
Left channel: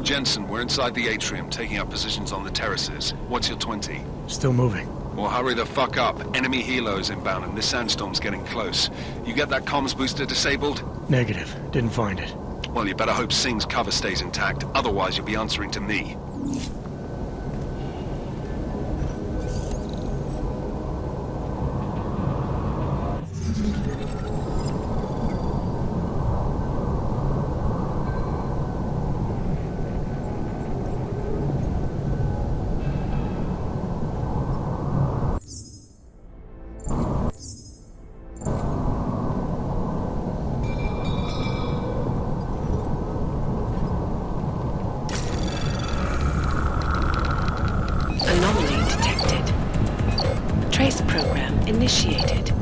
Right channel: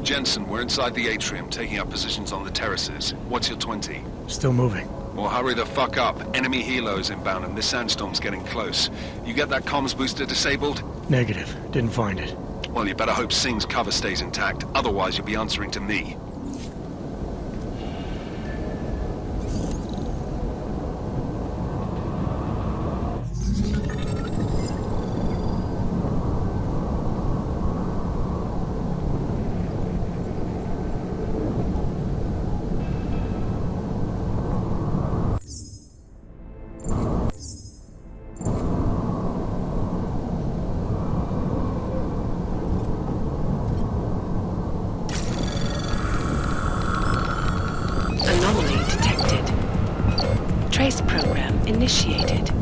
Jensen, we're inside the atrium, taking up positions on the terraces. What's your 20? Still moving. Well, hurry the fuck up. Enemy helos inbound and this sandstorm's getting close. You get that comms booster disabled? Negative. Didn't find it. Well, you better hope Singh's cover stays intact. Otherwise, you'll be answering to me. initiated.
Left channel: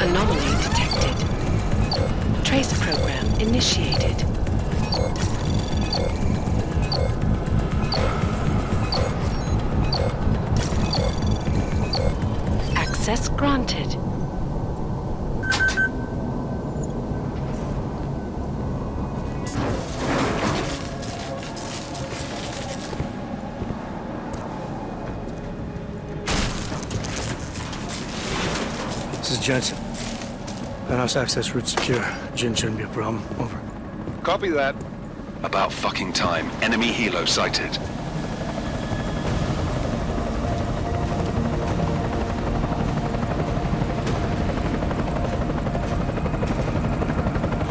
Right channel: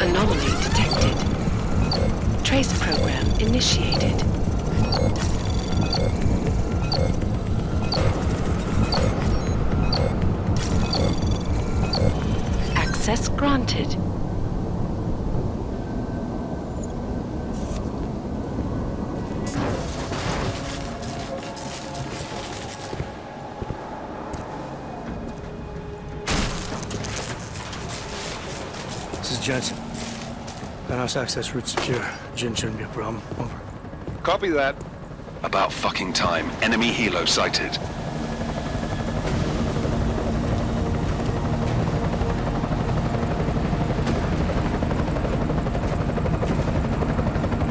Anomaly detected. Trace program initiated. Access granted. This is Jensen. Penthouse access route secure. Jin shouldn't be a problem. Over. Copy that. About fucking time. Enemy helo sighted.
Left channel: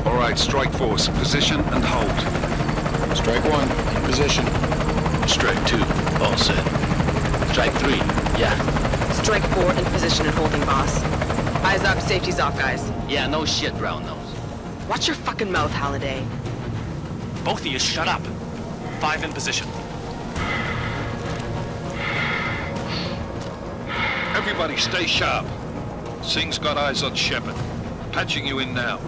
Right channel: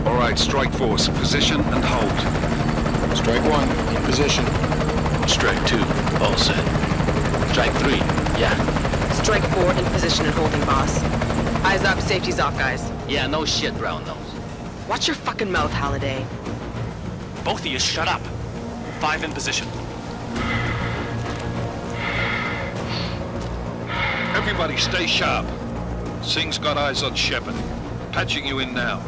All right, strike force. Position and hold. Strike 1, in position. Strike 2, all set. Strike 3, yeah. Strike 4 in position and holding, boss. Eyes up, safety's off, guys. Yeah, no shit, brown nose. Watch your fucking mouth, Halliday. Both of you shut up. 5 in position. Everybody stay sharp. Singh's got eyes on Shepard. Patching you in now.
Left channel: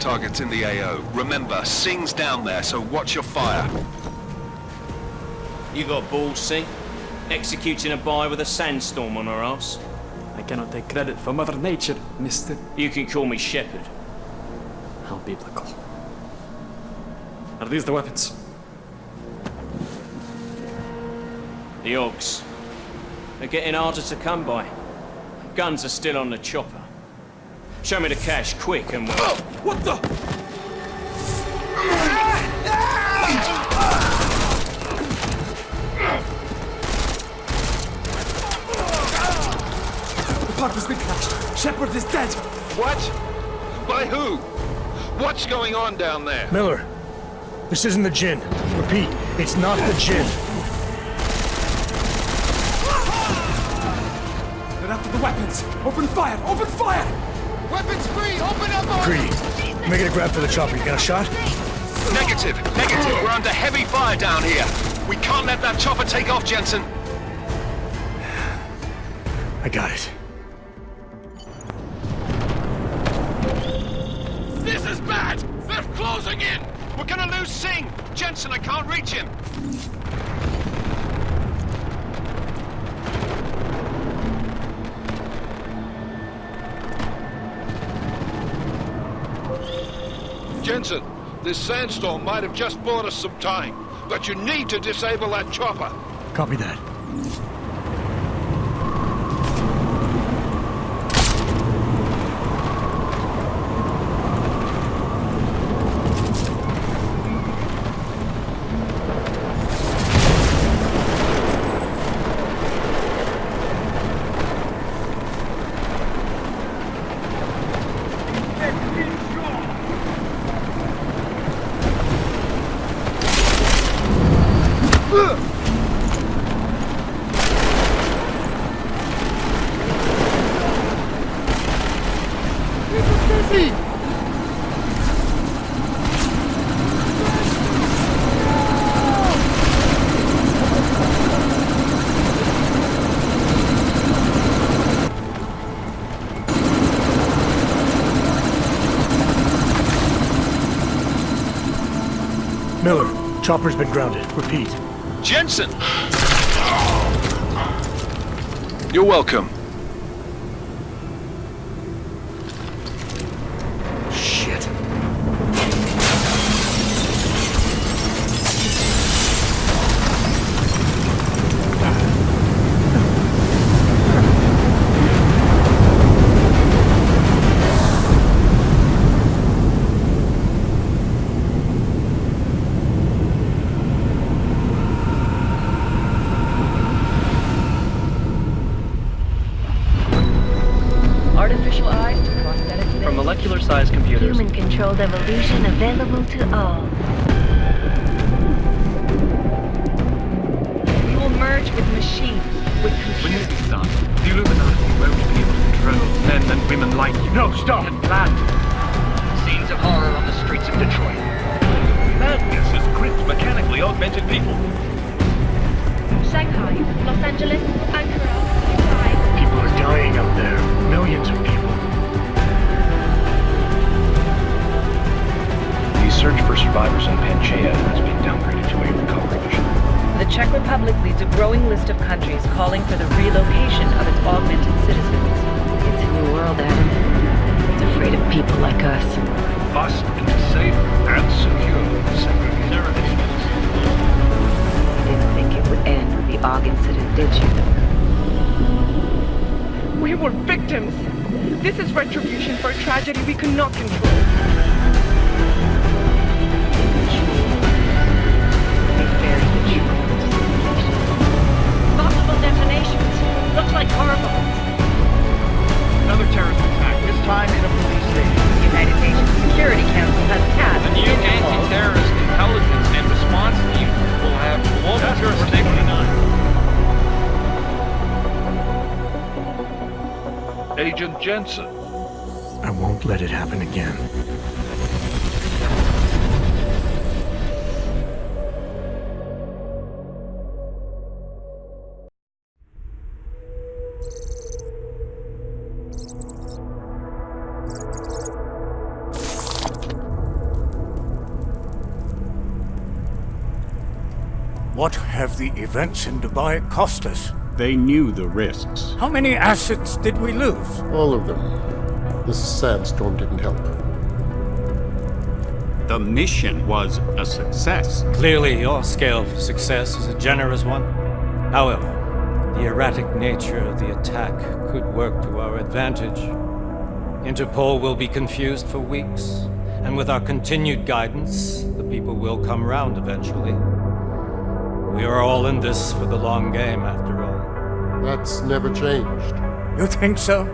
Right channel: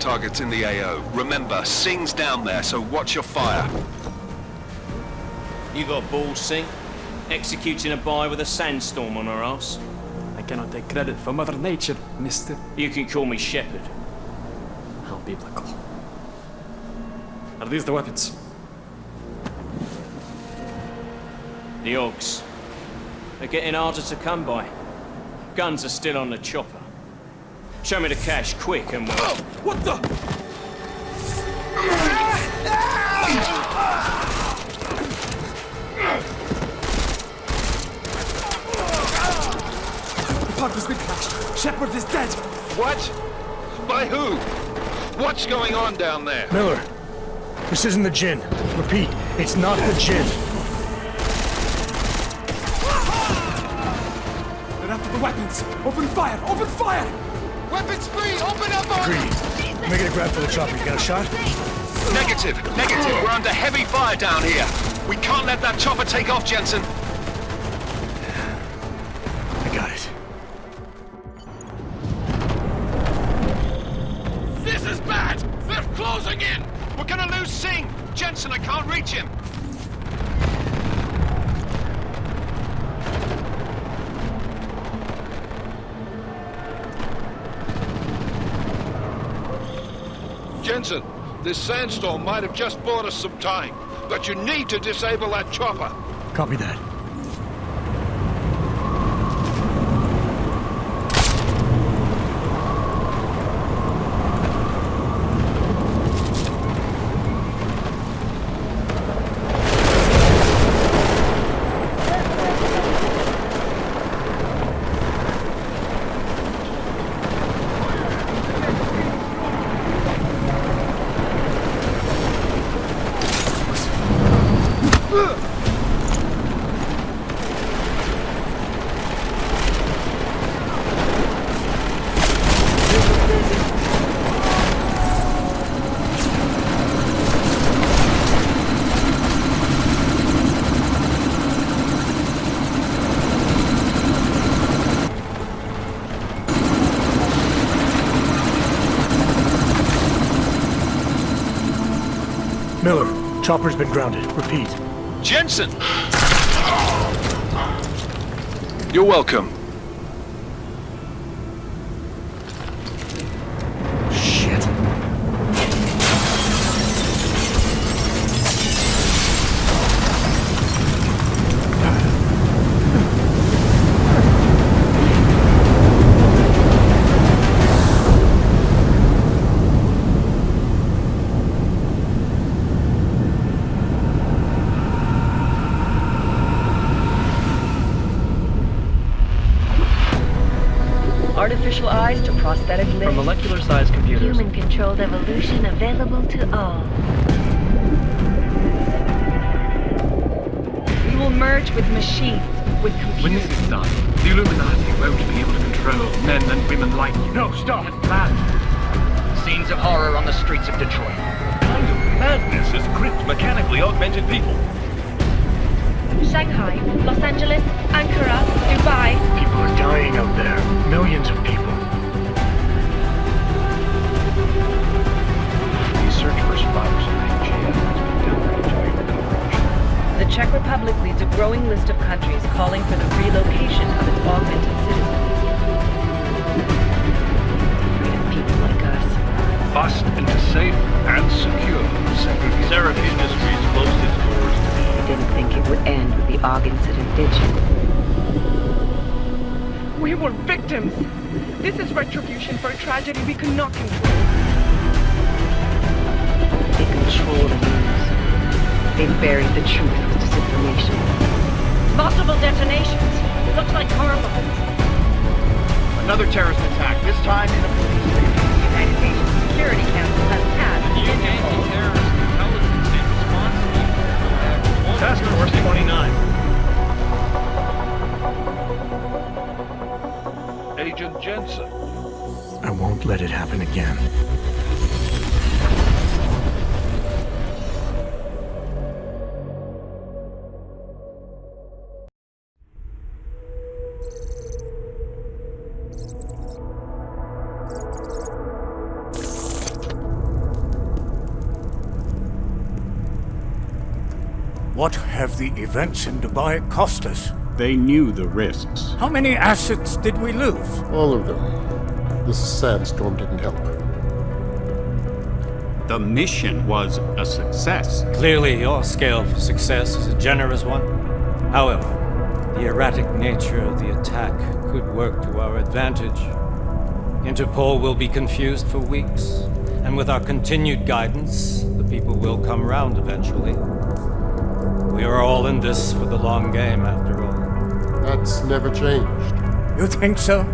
Target's in the AO. Remember, Singh's down there, so watch your fire. You got balls, Singh? Executing a buy with a sandstorm on our ass? I cannot take credit for Mother Nature, mister. You can call me Shepard. How biblical. Are these the weapons? The Ogs. They're getting harder to come by. Guns are still on the chopper. Show me the cash, quick, and we'll... Oh, what the? The part has been crashed. Shepard is dead. What? By who? What's going on down there? Miller, this isn't the Jinn. Repeat, it's not the Jinn. They're after the weapons. Open fire! Open fire! Weapons free! Open up on... Greedy. Making a grab for the chopper. You got a shot? Negative. We're under heavy fire down here. We can't let that chopper take off, Jensen. I got it. This is bad! They're closing in! We're gonna lose Singh! Jensen, I can't reach him! Jensen, this sandstorm might have just bought us some time, but you need to disable that chopper. Copy that. Miller, chopper's been grounded. Repeat. Jensen! You're welcome. Shit. Artificial eyes to prosthetic limbs. From molecular-sized computers. Human-controlled evolution available to all. We will merge with machines, with computers. When this is done, the Illuminati won't be able to control men and women like you. No, stop! And plan. Scenes of horror on the streets of Detroit. Kind of madness has gripped mechanically augmented people. Shanghai, Los Angeles, Ankara, Dubai. People are dying out there. Millions of people. The search for survivors in Panchaea has been downgraded to a recovery mission. The Czech Republic leads a growing list of countries calling for the relocation of its augmented citizens. It's a new world, Adam. It's afraid of people like us. Bust into safe and secure segregation. Seraph Industries closely towards You didn't think it would end with the AUG incident, did you? We were victims. This is retribution for a tragedy we could not control. They control the news. They buried the truth with disinformation. Multiple detonations. Looks like car bombs. Another terrorist attack, this time in a police station. The United Nations Security Council has tasked The new anti-terrorist intelligence and response team will have Task Force 29. Agent Jensen. I won't let it happen again. What have the events in Dubai cost us? They knew the risks. How many assets did we lose? All of them. This sandstorm didn't help. The mission was a success. Clearly, your scale for success is a generous one. However, the erratic nature of the attack could work to our advantage. Interpol will be confused for weeks, and with our continued guidance, the people will come round eventually. We are all in this for the long game, after all. That's never changed. You think so?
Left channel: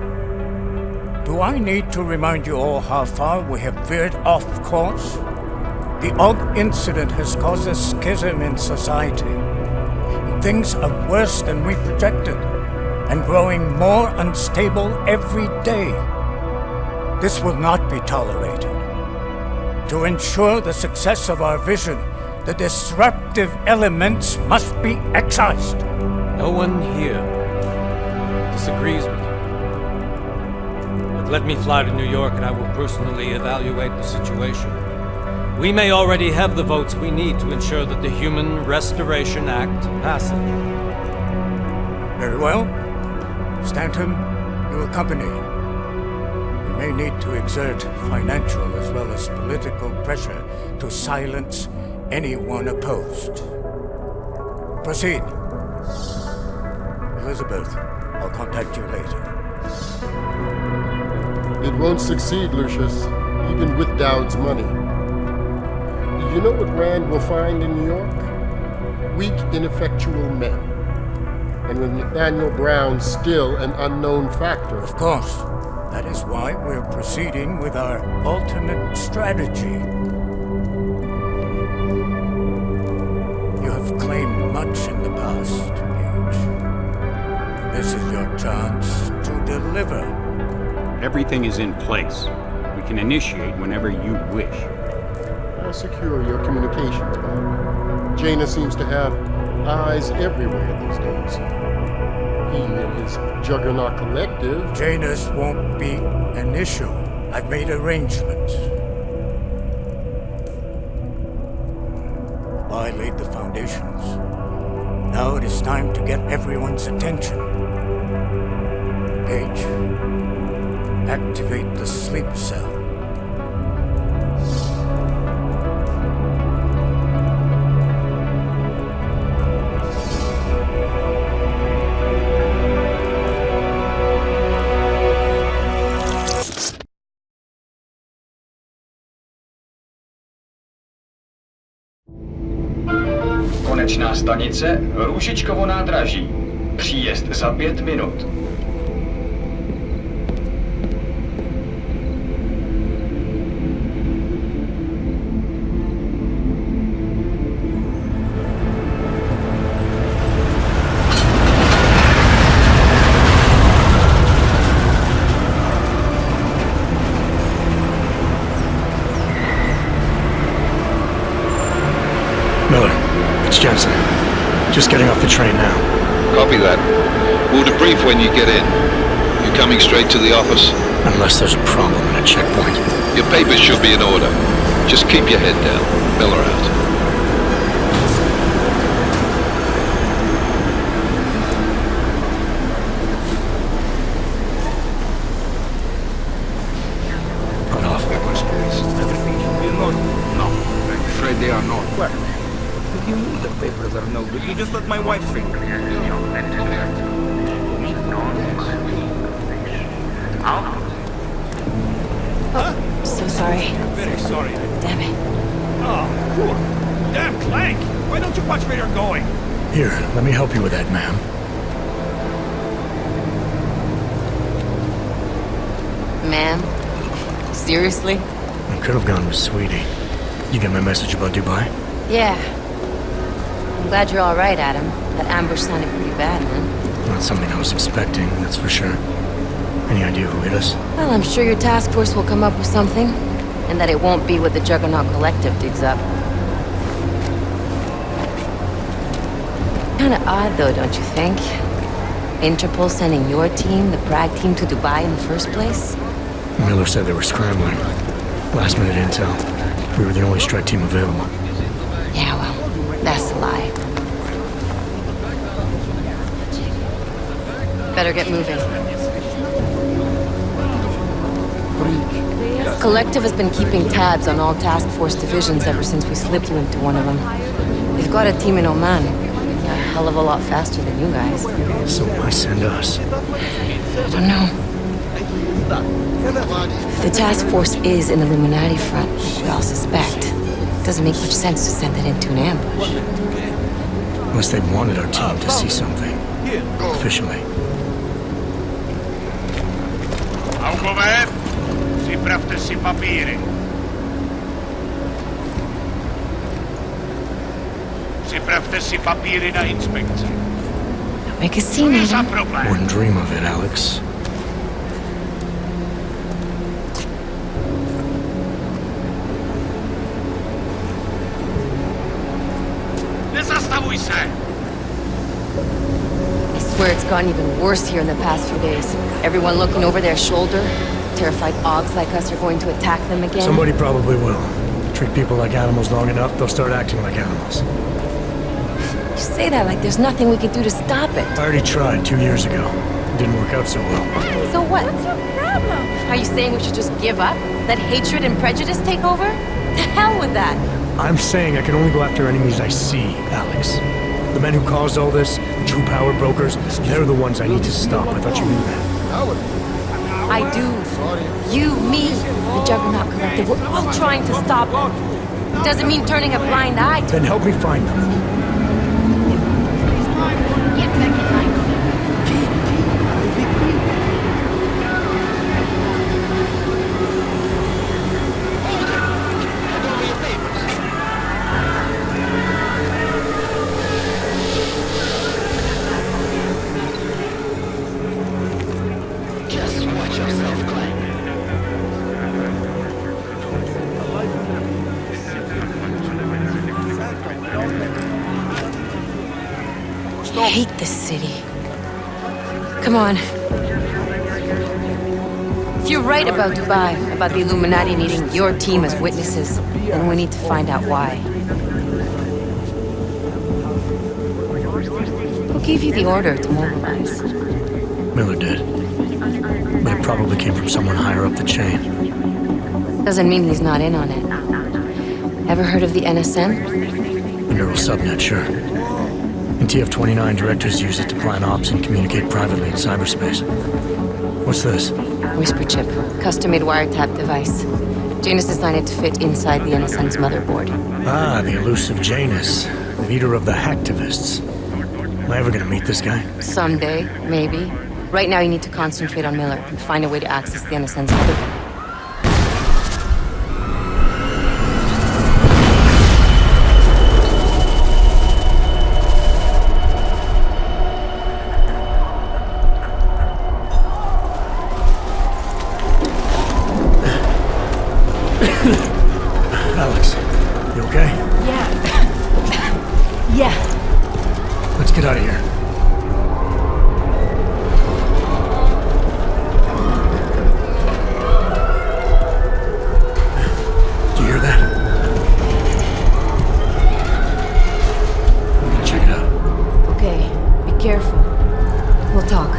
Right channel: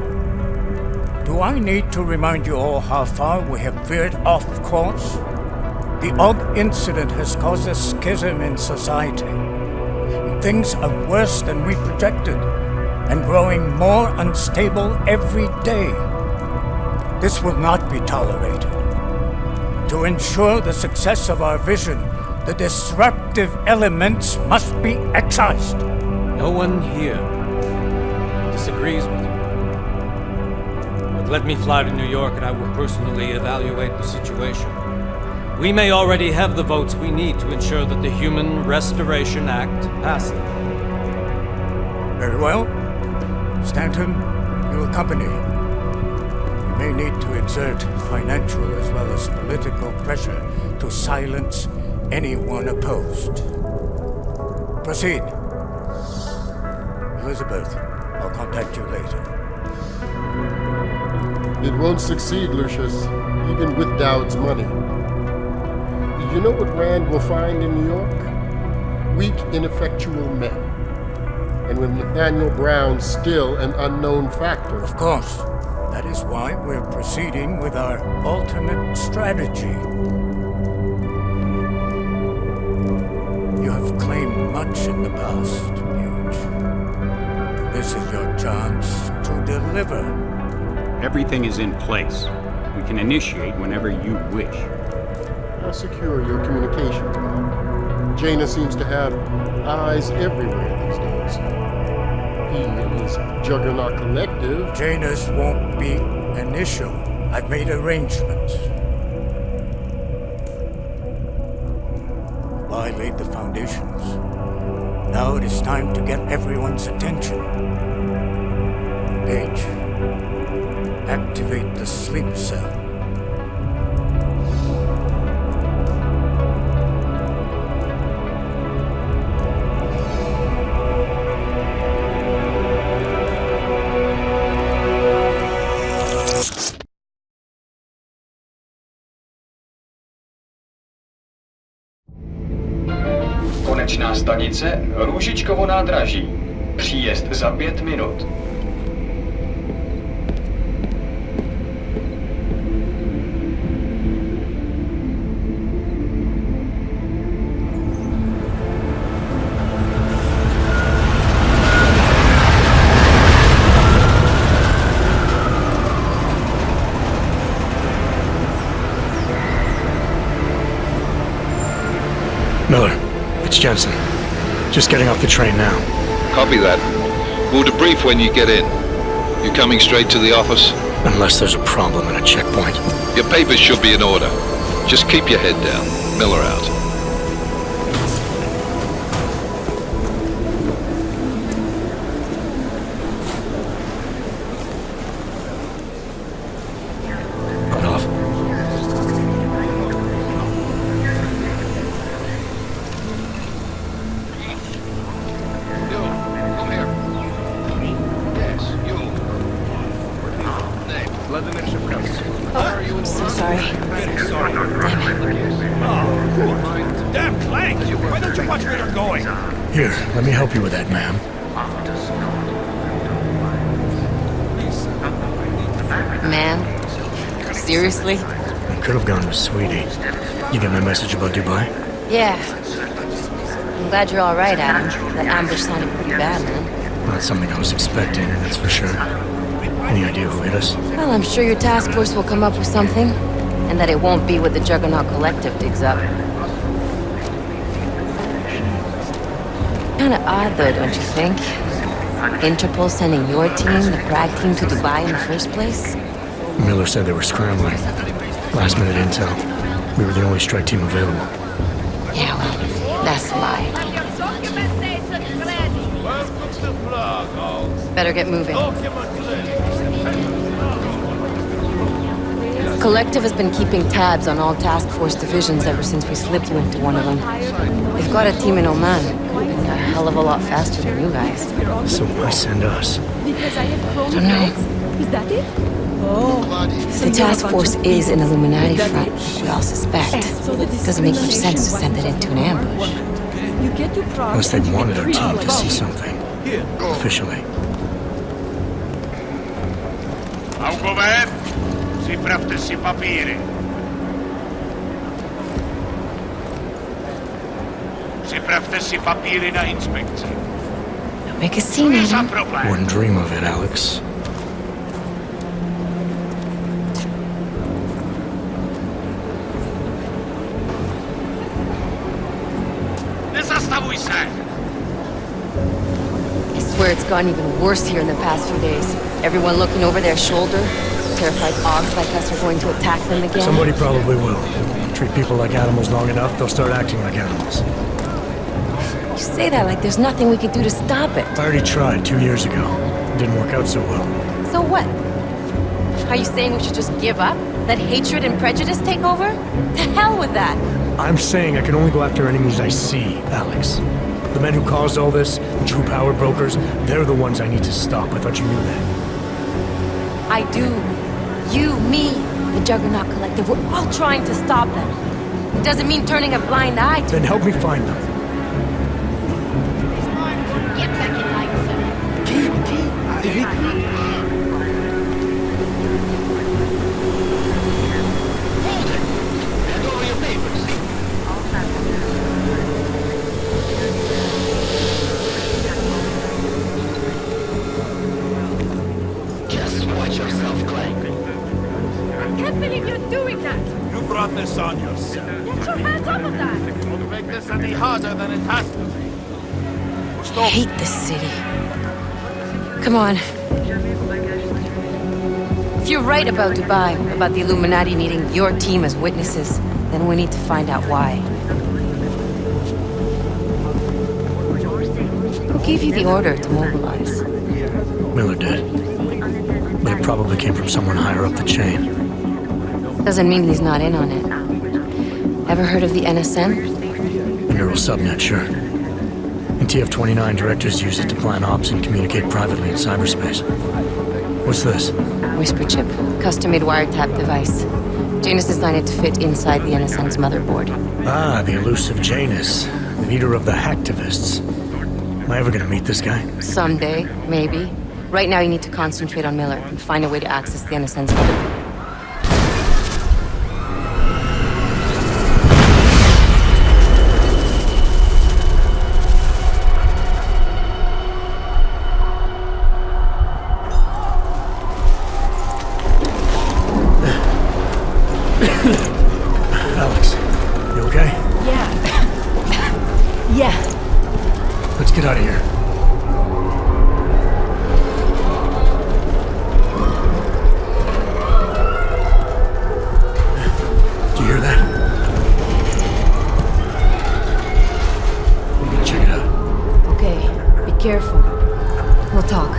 Do I need to remind you all how far we have veered off course? The AUG incident has caused a schism in society. Things are worse than we projected, and growing more unstable every day. This will not be tolerated. To ensure the success of our vision, the disruptive elements must be excised. No one here disagrees with you. But let me fly to New York and I will personally evaluate the situation. We may already have the votes we need to ensure that the Human Restoration Act passes. Very well. Stanton, you accompany. We may need to exert financial as well as political pressure to silence anyone opposed. Proceed. Elizabeth, I'll contact you later. It won't succeed, Lucius, even with Dowd's money. You know what Rand will find in New York? Weak, ineffectual men. And with Nathaniel Brown still an unknown factor. Of course. That is why we're proceeding with our alternate strategy. You have claimed much in the past, Page. This is your chance to deliver. Everything is in place. We can initiate whenever you wish. Secure your communications, Bob. Jaina seems to have eyes everywhere these days. He and his Juggernaut Collective... Janus won't be an issue. I've made arrangements. I laid the foundations. Now it is time to get everyone's attention. Page, activate the sleep cell. Konečná stanice Růžičkovo nádraží. Příjezd za 5 minut. Miller, it's Jensen. Just getting off the train now. Copy that. We'll debrief when you get in. You coming straight to the office? Unless there's a problem at a checkpoint. Your papers should be in order. Just keep your head down. Miller out. Cut off. No, I'm afraid they are not. The papers are no good. You just let my wife free. You, come here. Me? Yes, you. Oh, so sorry. Very sorry. Damn it. Oh, cool. Damn Clank! Why don't you watch where you're going? Here, let me help you with that, ma'am. Ma'am? Seriously? I could have gone with Sweetie. You get my message about Dubai? Yeah. I'm glad you're all right, Adam. That ambush sounded pretty bad, man. Not something I was expecting, that's for sure. Any idea who hit us? Well, I'm sure your task force will come up with something. And that it won't be what the Juggernaut Collective digs up. Kinda odd, though, don't you think? Interpol sending your team, the Prague team, to Dubai in the first place? Miller said they were scrambling. Last minute intel. We were the only strike team available. Yeah, well, that's a lie. Better get moving. Collective has been keeping tabs on all task force divisions ever since we slipped into one of them. They've got a team in Oman. Could have been a hell of a lot faster than you guys. So why send us? I don't know. If the task force is an Illuminati front, we all suspect, it doesn't make much sense to send it into an ambush. Unless they wanted our team to see something. Officially. Augové, připravte si papíry. Připravte si papíry na inspekci. Don't make a scene, Adam. Wouldn't dream of it, Alex. Nezastavuj se! I swear it's gotten even worse here in the past few days. Everyone looking over their shoulder. Terrified Augs like us are going to attack them again. Somebody probably will. Treat people like animals long enough, they'll start acting like animals. You say that like there's nothing we could do to stop it. I already tried 2 years ago. It didn't work out so well. So what? Are you saying we should just give up? Let hatred and prejudice take over? To hell with that! I'm saying I can only go after enemies I see, Alex. The men who caused all this, the true power brokers, they're the ones I need to stop. I thought you knew that. I do. You, me, the Juggernaut Collective, we're all trying to stop them. Doesn't mean turning a blind eye to... Then help me find them. Get back in line, Hold it! Hand over your papers. I hate this city. Come on. If you're right about Dubai, about the Illuminati needing your team as witnesses, then we need to find out why. Who gave you the order to mobilize? Miller did. But it probably came from someone higher up the chain. Doesn't mean he's not in on it. Ever heard of the NSN? The neural subnet, sure. In TF-29, directors use it to plan ops and communicate privately in cyberspace. What's this? Whisper chip. Custom-made wiretap device. Janus designed it to fit inside the NSN's motherboard. Ah, the elusive Janus. Leader of the hacktivists. Am I ever gonna meet this guy? Someday, maybe. Right now you need to concentrate on Miller and find a way to access the NSN's motherboard. Alex, you okay? Yeah. Yeah. Let's get out of here. Do you hear that? I'm gonna check it out. Okay, be careful. We'll talk.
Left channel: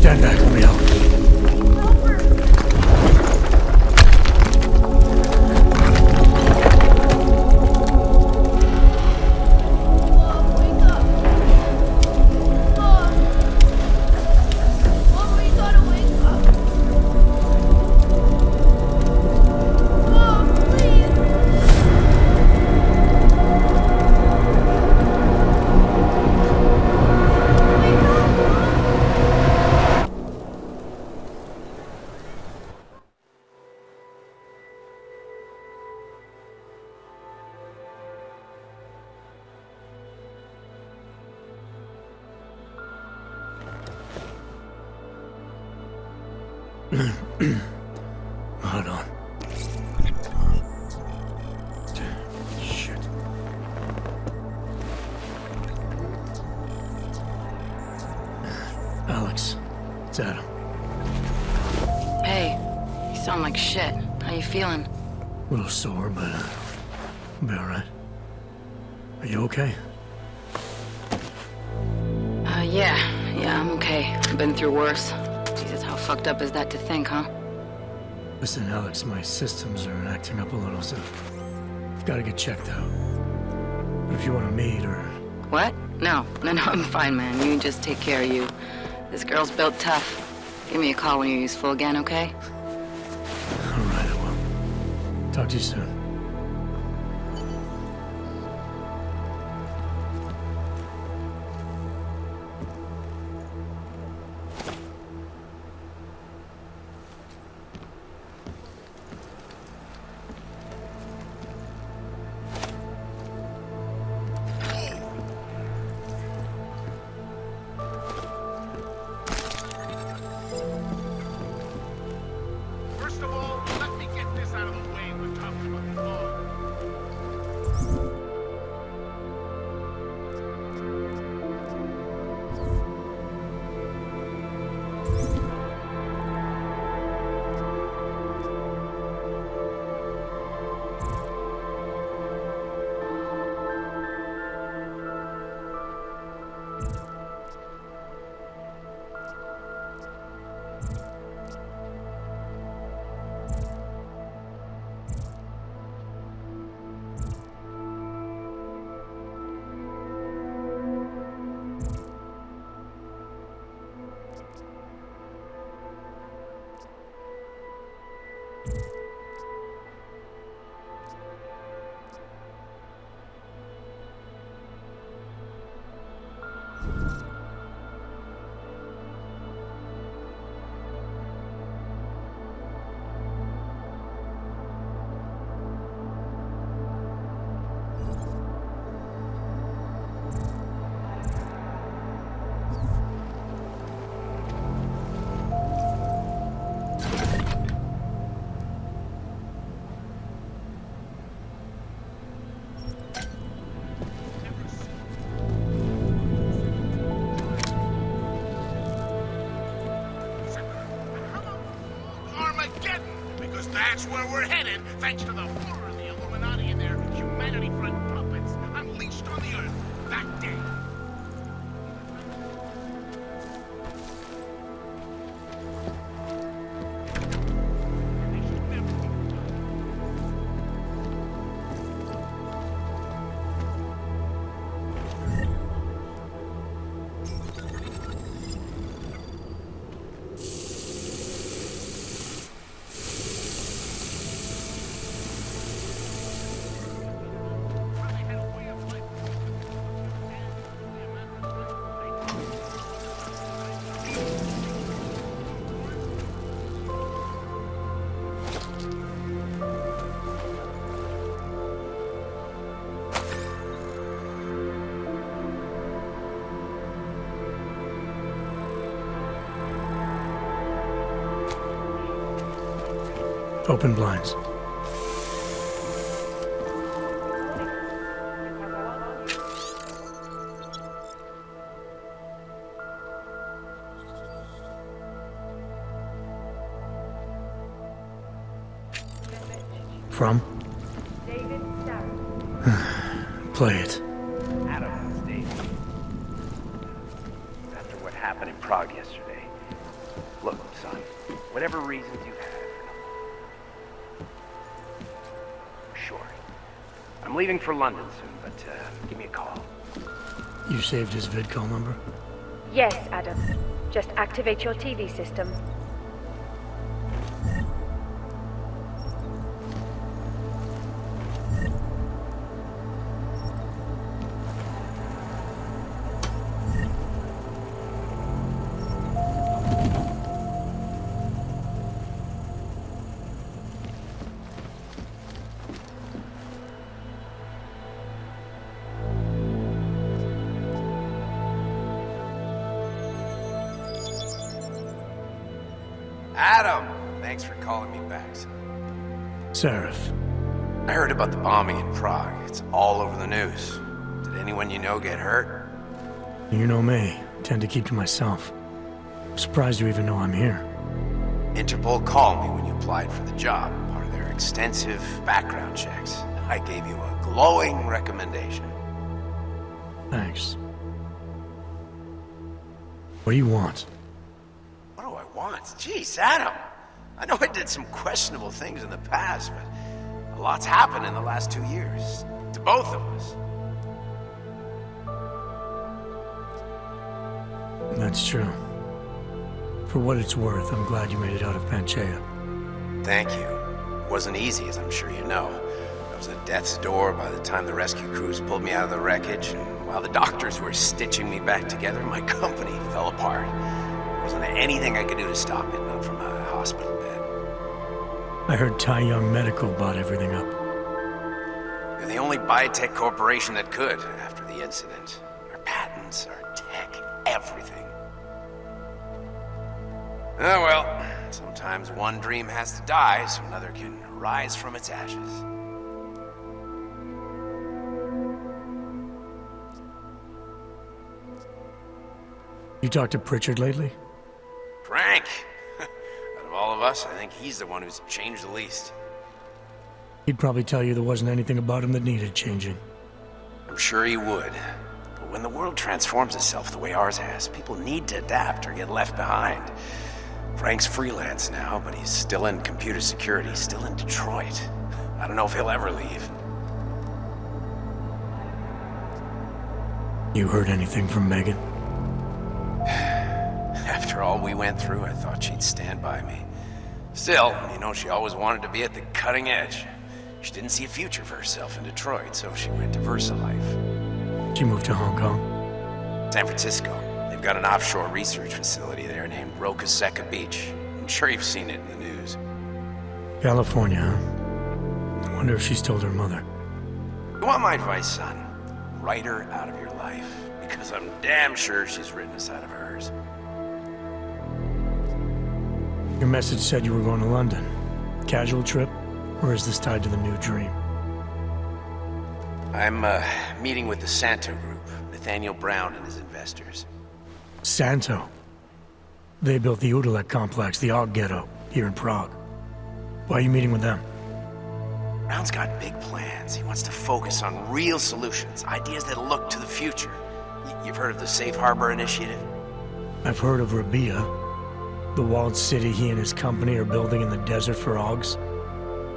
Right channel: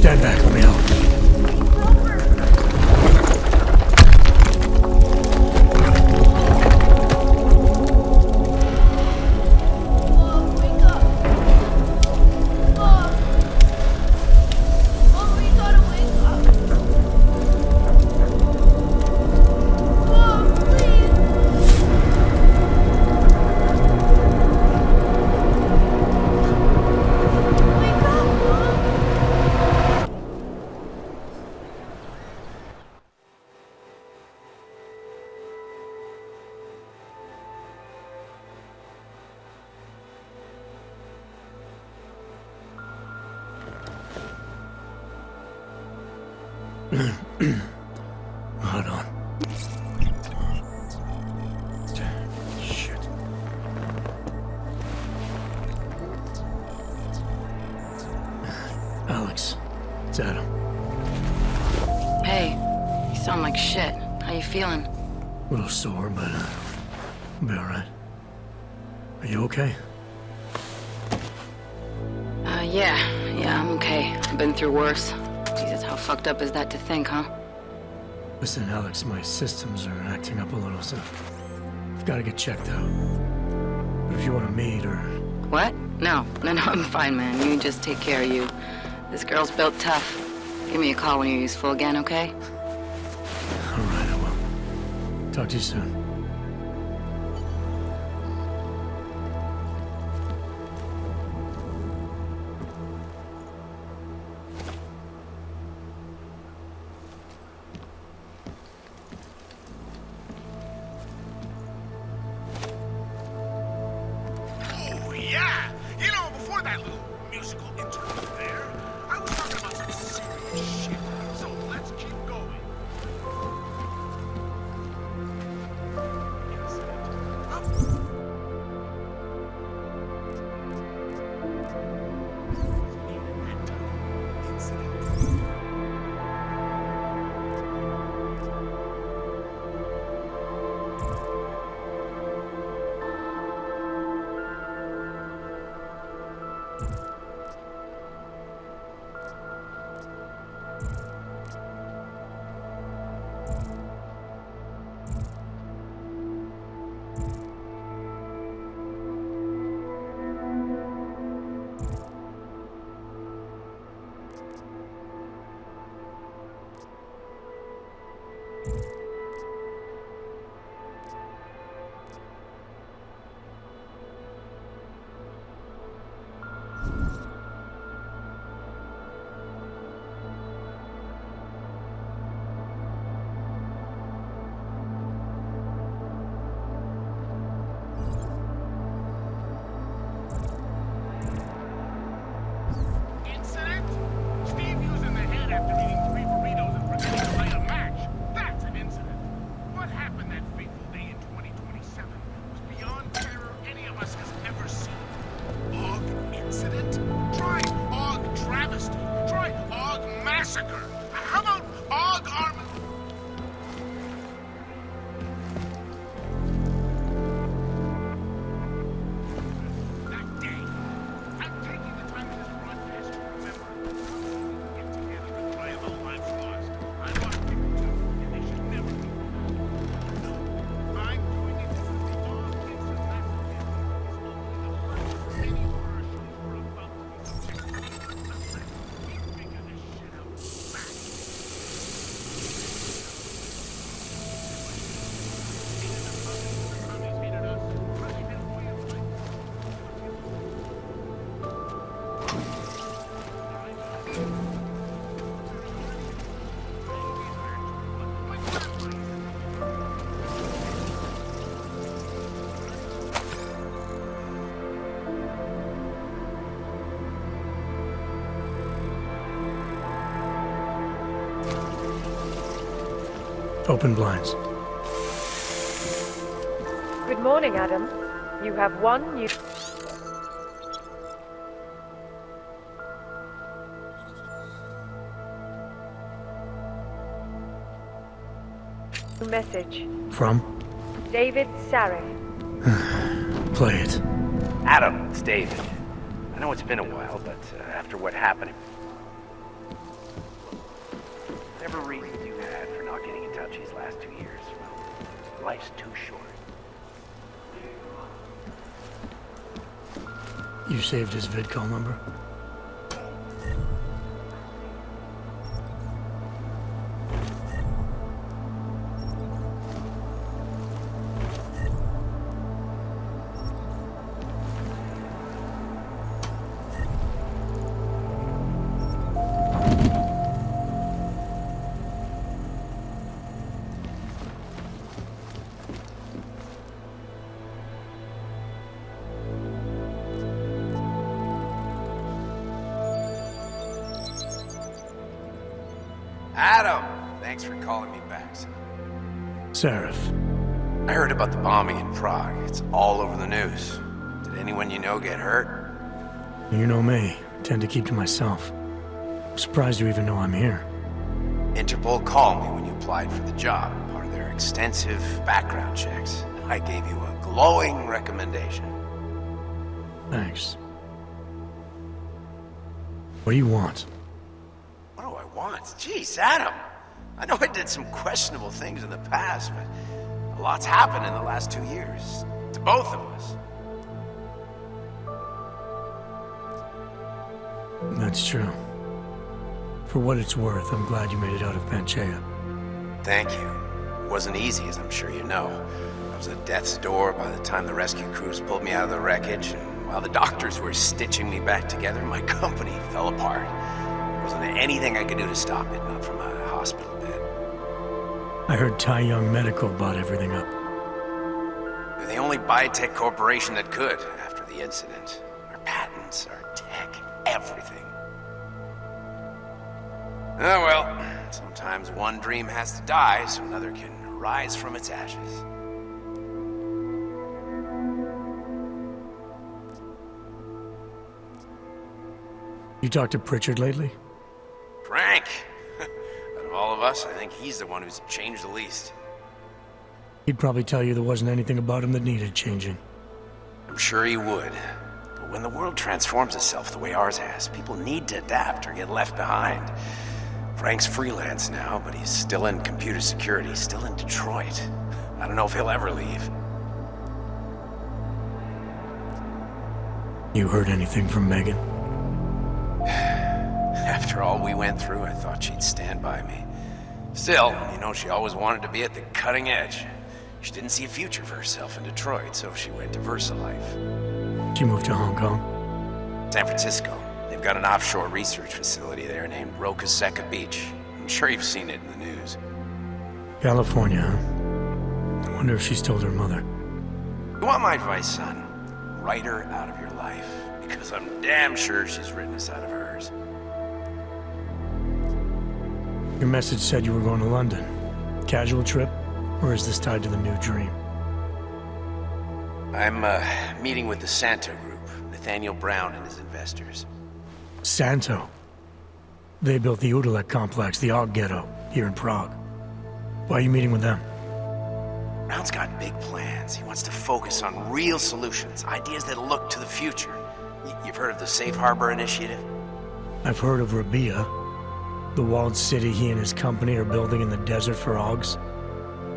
Stand back, let me help. Hold on. Shit. Alex, it's Adam. Hey, you sound like shit. How you feeling? A little sore, but I'll be alright. Are you okay? Yeah, I'm okay. I've been through worse. Jesus, how fucked up is that to think, huh? Listen, Alex, my systems are acting up a little, so I've got to get checked out. But if you want to meet or... What? No, I'm fine, man. You just take care of you. This girl's built tough. Give me a call when you're useful again, okay? Alright, I will. Talk to you soon. Open blinds. Good morning, Adam. You have one new message. From? David Sarek. Play it. Adam, it's David. I know it's been a while, but after what happened in Prague yesterday, look, son, whatever reasons you had for not getting in touch these last 2 years, life's too short. I'm leaving for London soon, but give me a call. You saved his vidcall number? Yes, Adam. Just activate your TV system. Adam! Thanks for calling me back, son. Seraph. I heard about the bombing in Prague. It's all over the news. Did anyone you know get hurt? You know me. I tend to keep to myself. I'm surprised you even know I'm here. Interpol called me when you applied for the job, part of their extensive background checks. I gave you a glowing recommendation. Thanks. What do you want? What do I want? Jeez, Adam! I know I did some questionable things in the past, but a lot's happened in the last 2 years. To both of us. That's true. For what it's worth, I'm glad you made it out of Panchaea. Thank you. It wasn't easy, as I'm sure you know. I was at death's door by the time the rescue crews pulled me out of the wreckage, and while the doctors were stitching me back together, my company fell apart. There wasn't anything I could do to stop it, not from a hospital bed. I heard Tai Young Medical bought everything up. They're the only biotech corporation that could after the incident. Our patents, our tech, everything. Oh well, sometimes one dream has to die so another can rise from its ashes. You talked to Pritchard lately? Frank! Out of all of us, I think he's the one who's changed the least. He'd probably tell you there wasn't anything about him that needed changing. I'm sure he would. But when the world transforms itself the way ours has, people need to adapt or get left behind. Frank's freelance now, but he's still in computer security, still in Detroit. I don't know if he'll ever leave. You heard anything from Megan? After all we went through, I thought she'd stand by me. Still, you know, she always wanted to be at the cutting edge. She didn't see a future for herself in Detroit, so she went to VersaLife. She moved to Hong Kong? San Francisco. They've got an offshore research facility there named Roca Seca Beach. I'm sure you've seen it in the news. California, huh? I wonder if she's told her mother. You want my advice, son? Write her out of your life. Because I'm damn sure she's written us out of hers. Your message said you were going to London. Casual trip? Or is this tied to the new dream? I'm meeting with the Santo Group, Nathaniel Brown and his investors. Santo? They built the Udalek complex, the Og Ghetto, here in Prague. Why are you meeting with them? Brown's got big plans. He wants to focus on real solutions, ideas that look to the future. You've heard of the Safe Harbor Initiative? I've heard of Rabia, the walled city he and his company are building in the desert for Augs.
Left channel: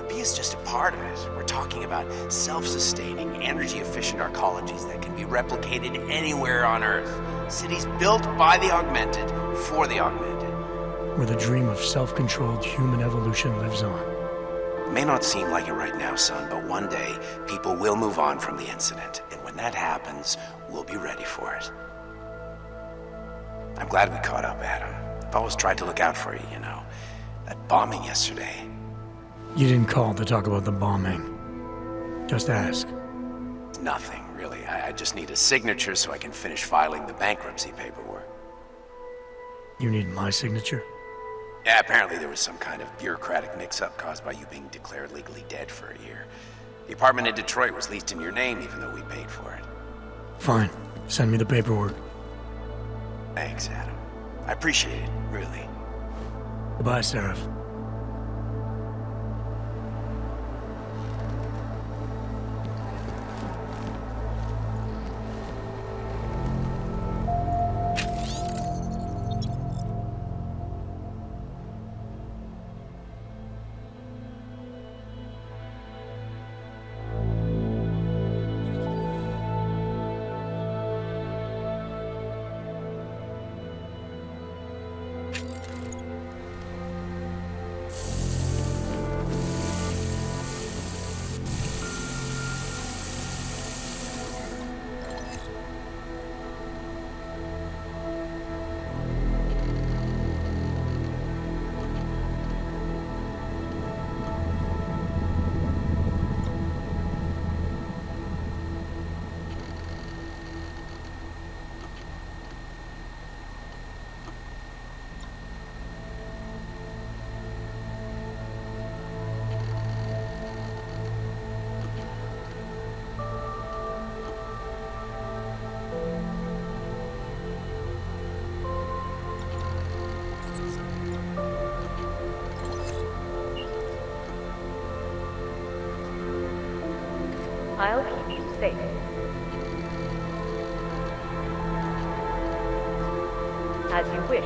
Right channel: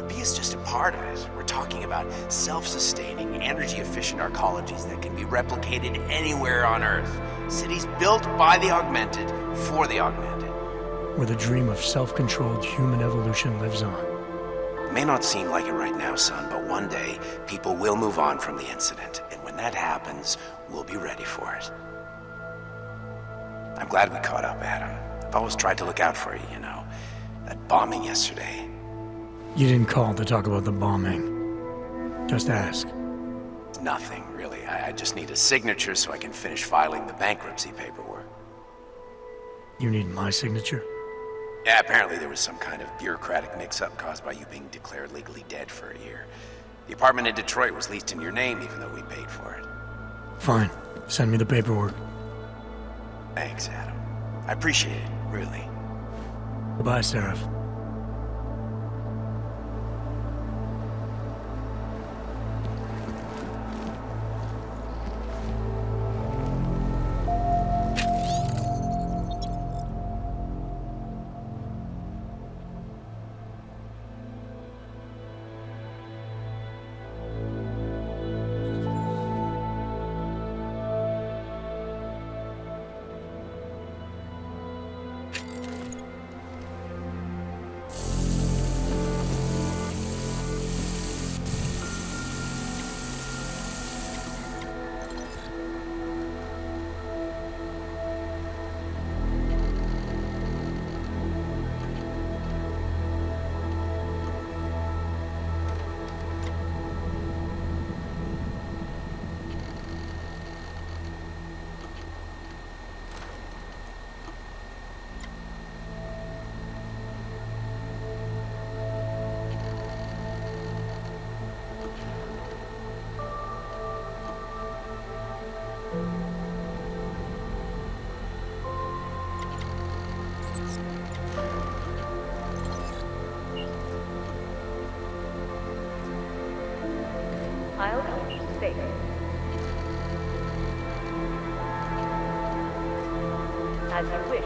Rabia's just a part of it. We're talking about self-sustaining, energy-efficient arcologies that can be replicated anywhere on Earth. Cities built by the augmented, for the augmented. Where the dream of self-controlled human evolution lives on. It may not seem like it right now, son, but one day, people will move on from the incident. And when that happens, we'll be ready for it. I'm glad we caught up, Adam. I've always tried to look out for you, you know. That bombing yesterday. You didn't call to talk about the bombing. Just ask. Nothing, really. I just need a signature so I can finish filing the bankruptcy paperwork. You need my signature? Yeah, apparently there was some kind of bureaucratic mix-up caused by you being declared legally dead for a year. The apartment in Detroit was leased in your name even though we paid for it. Fine. Send me the paperwork. Thanks, Adam. I appreciate it, really. Goodbye, Seraph. I'll keep you safe. As you wish,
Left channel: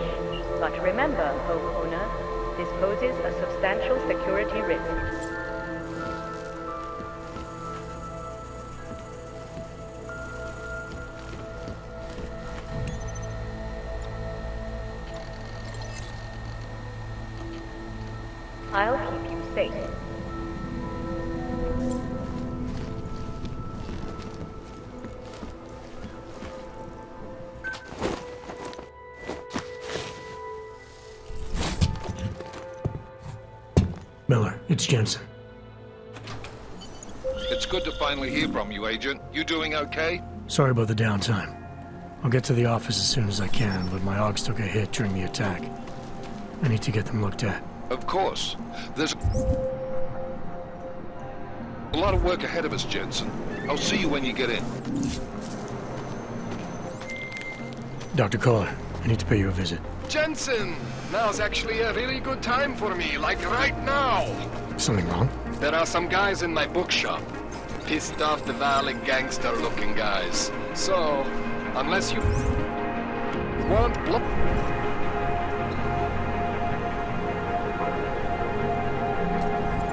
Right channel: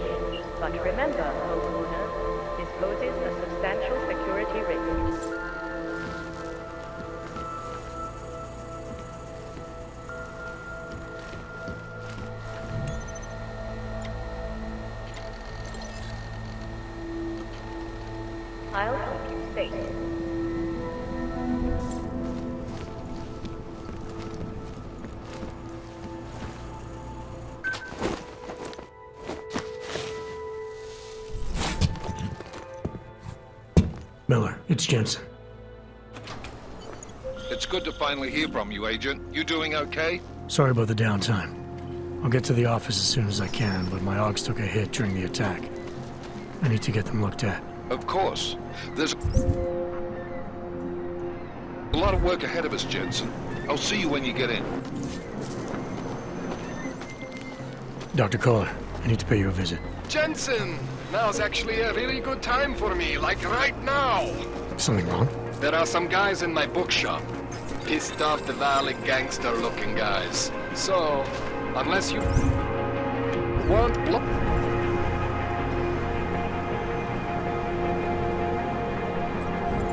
but remember, homeowner, this poses a substantial security risk. I'll keep you safe. Miller, it's Jensen. It's good to finally hear from you, Agent. You doing okay? Sorry about the downtime. I'll get to the office as soon as I can, but my AUGs took a hit during the attack. I need to get them looked at. Of course. There's a lot of work ahead of us, Jensen. I'll see you when you get in. Dr. Kohler, I need to pay you a visit. Jensen! Now's actually a really good time for me, like right now! Something wrong? There are some guys in my bookshop. Pissed off the Valley gangster-looking guys. So, unless you want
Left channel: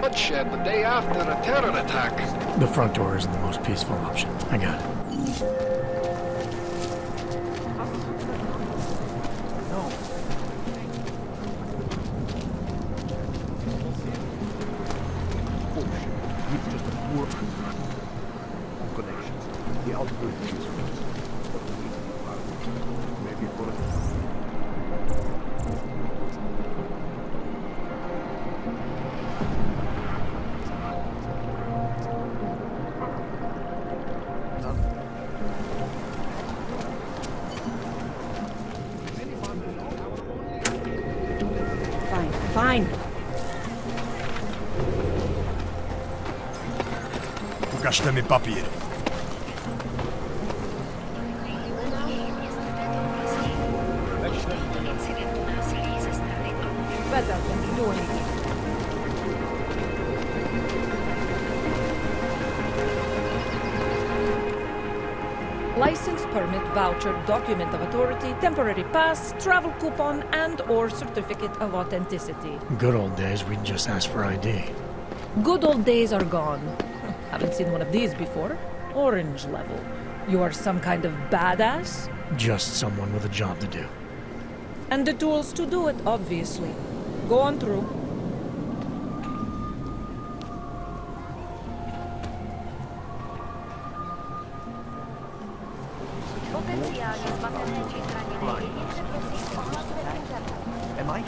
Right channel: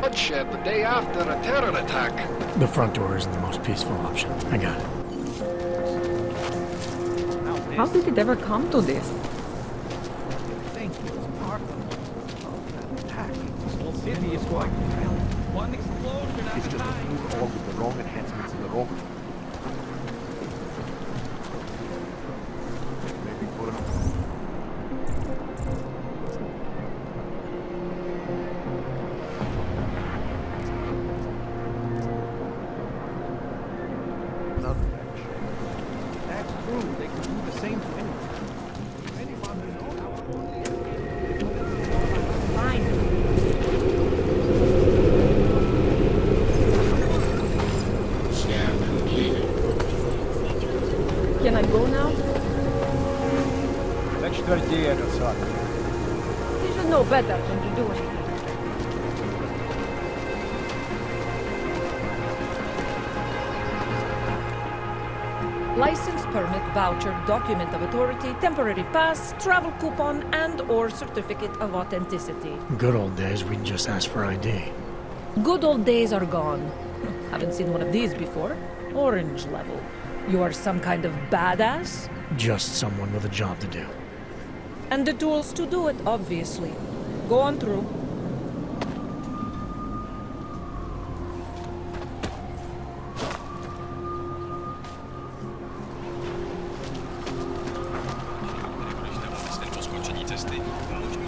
bloodshed the day after a terror attack. The front door isn't the most peaceful option. I got it. How did it ever come to this? He's just a poor orphan with wrong enhancements in the wrong connections. The algorithm is what we need to be about. Maybe put him. Another picture. That's true. They could do the same thing. Anyone you know, Fine. Pokażmy papier. Can I go now? Let's start the outside. You know better than to do anything. License, permit, voucher, document of authority, temporary pass, travel coupon, and/or certificate of authenticity. Good old days, we'd just ask for ID. Good old days are gone. Haven't seen one of these before. Orange level. You are some kind of badass? Just someone with a job to do. And the tools to do it, obviously. Go on through.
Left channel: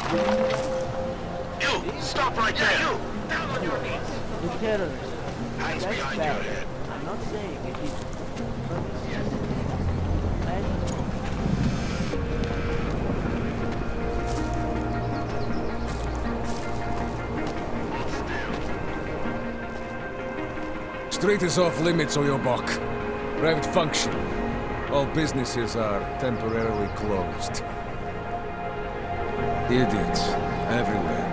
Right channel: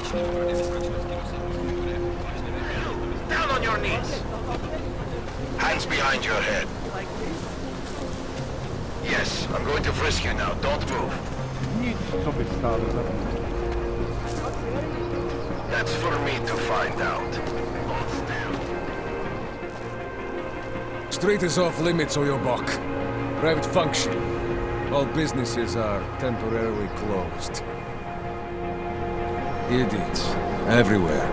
You, stop right there. You, down on your knees. Hands behind your head. Yes, I'm going to frisk you now. Don't move. That's for me to find out. Hold still. Street is off limits, Oyobok. Private function. All businesses are temporarily closed. Idiots. Everywhere.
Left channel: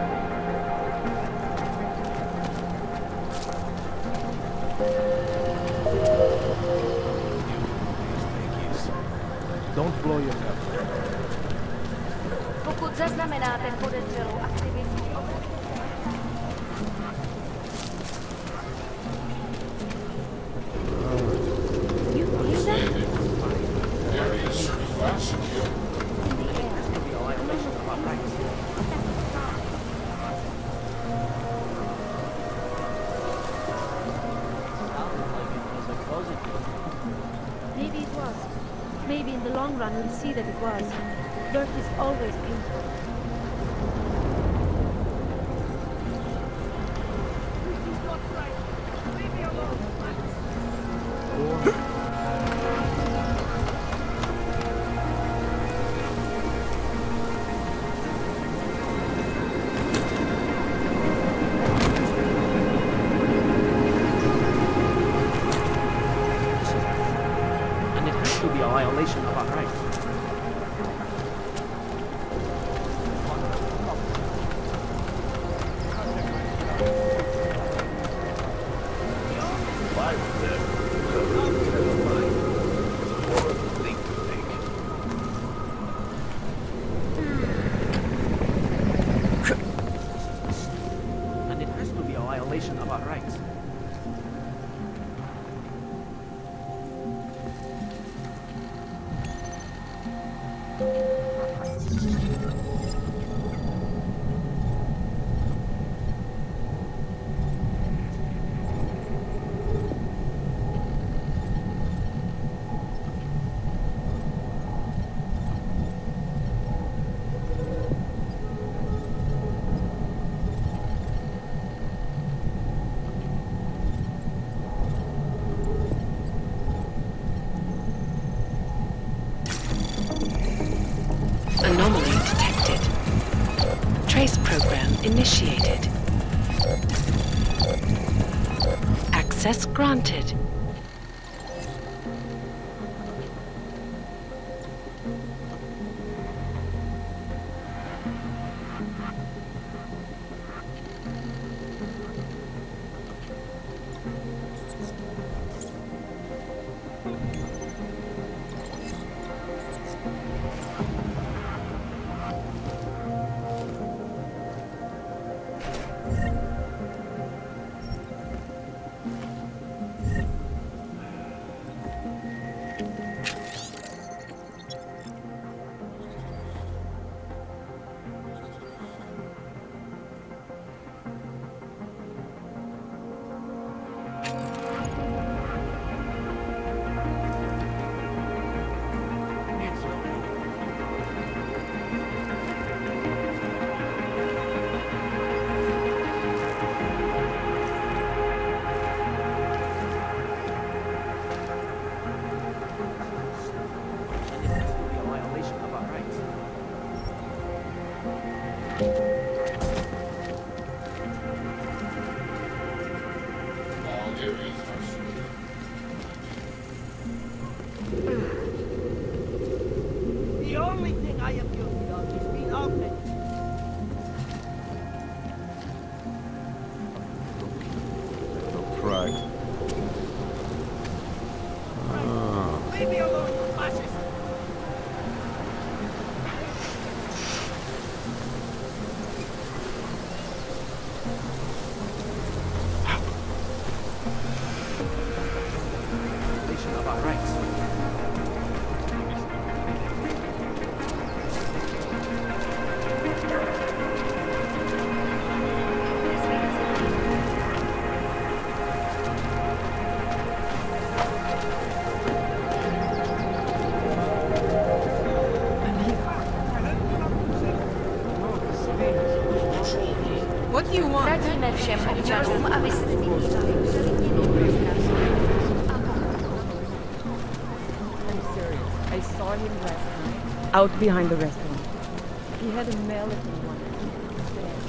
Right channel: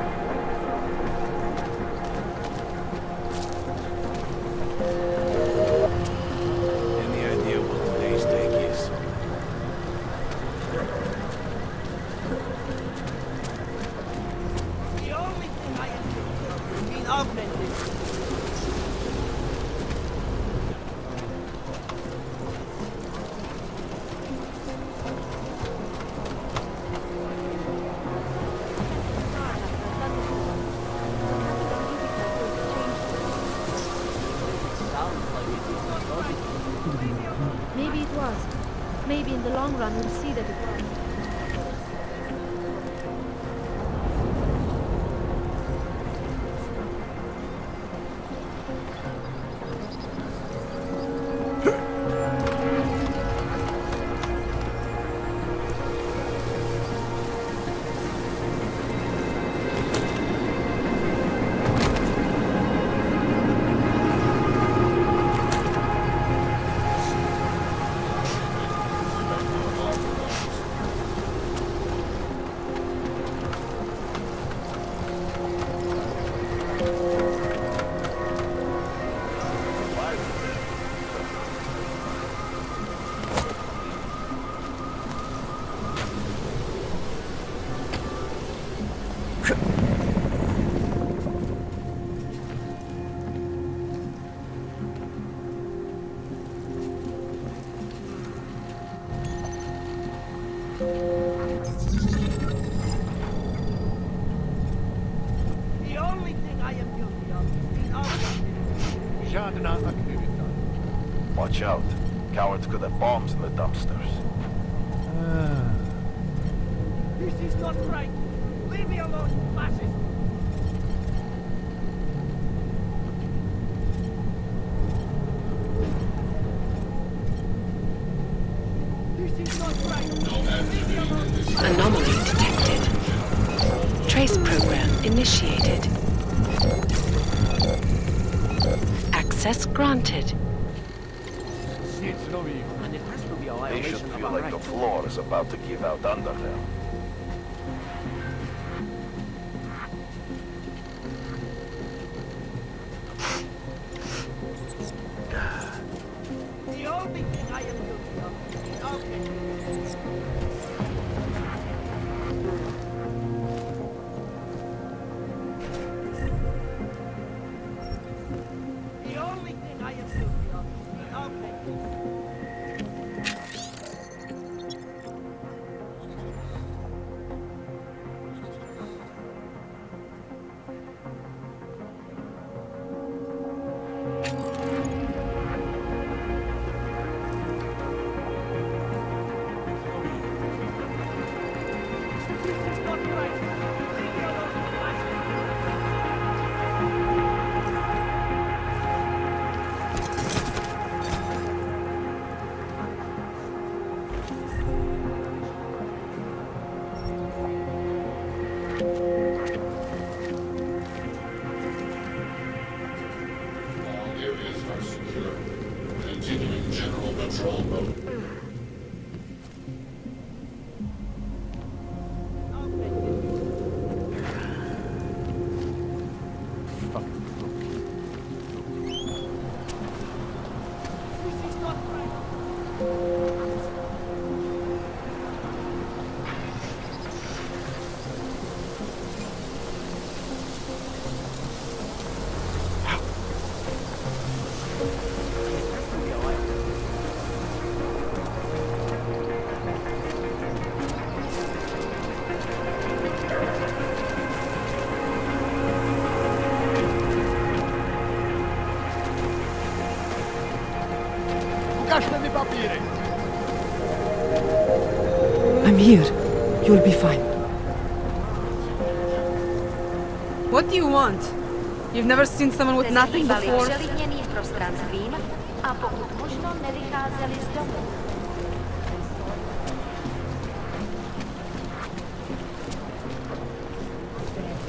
Maybe it was. Maybe in the long run we'll see that it was. Dirt is always beautiful. Watch out. Cowards could have bombs in the dumpsters. This is not right. Leave me alone, Massive. Anomaly detected. Trace program initiated. Access granted. They should feel like the floor is about to give out under them. All areas are secure. Continuing general patrol mode. The only thing I am guilty of is being augmented. Fucking rookie. No pride. This is not right. Leave me alone, Massive. I'm here. You'll be fine. What do you want? You've never seen someone with nothing before? I'm serious. I saw him last night, out behind the restaurant. He had a mallet in one hand.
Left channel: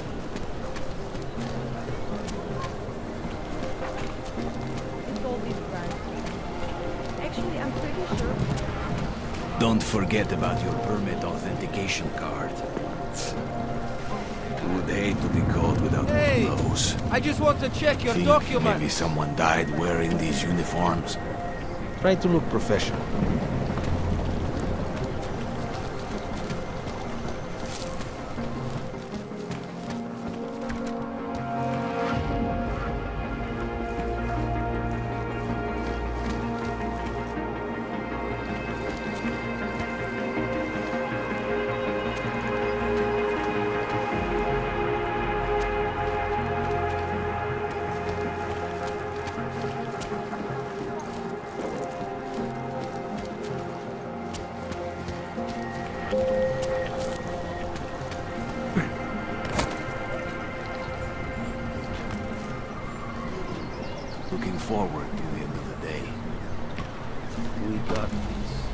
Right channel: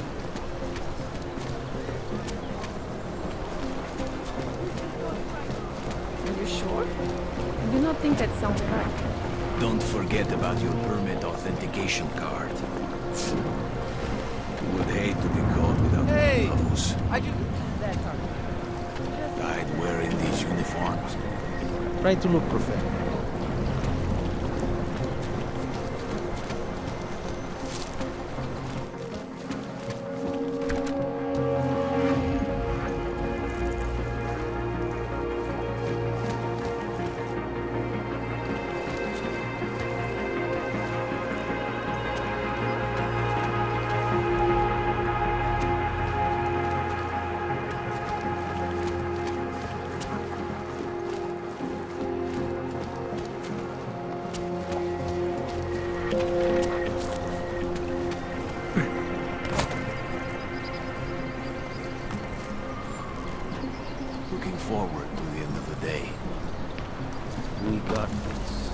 Are you sure? Actually, I do not think that sounds right. Don't forget about your permit authentication card. Would hate to be caught without one of those. I just want to check your document. Maybe someone died wearing these uniforms. Try to look professional. Looking forward to the end of the day. We got this.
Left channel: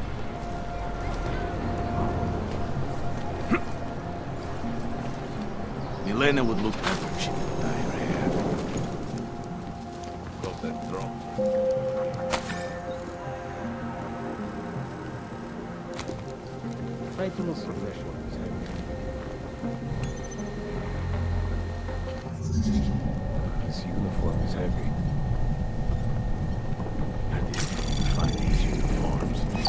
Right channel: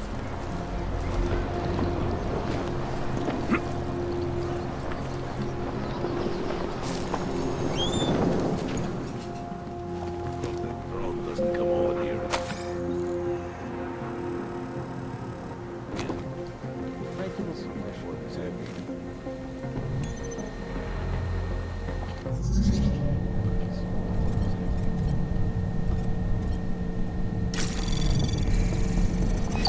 Elena would look pretty cheap. Hope that drone doesn't come over here. Try to look professional. This uniform is heavy.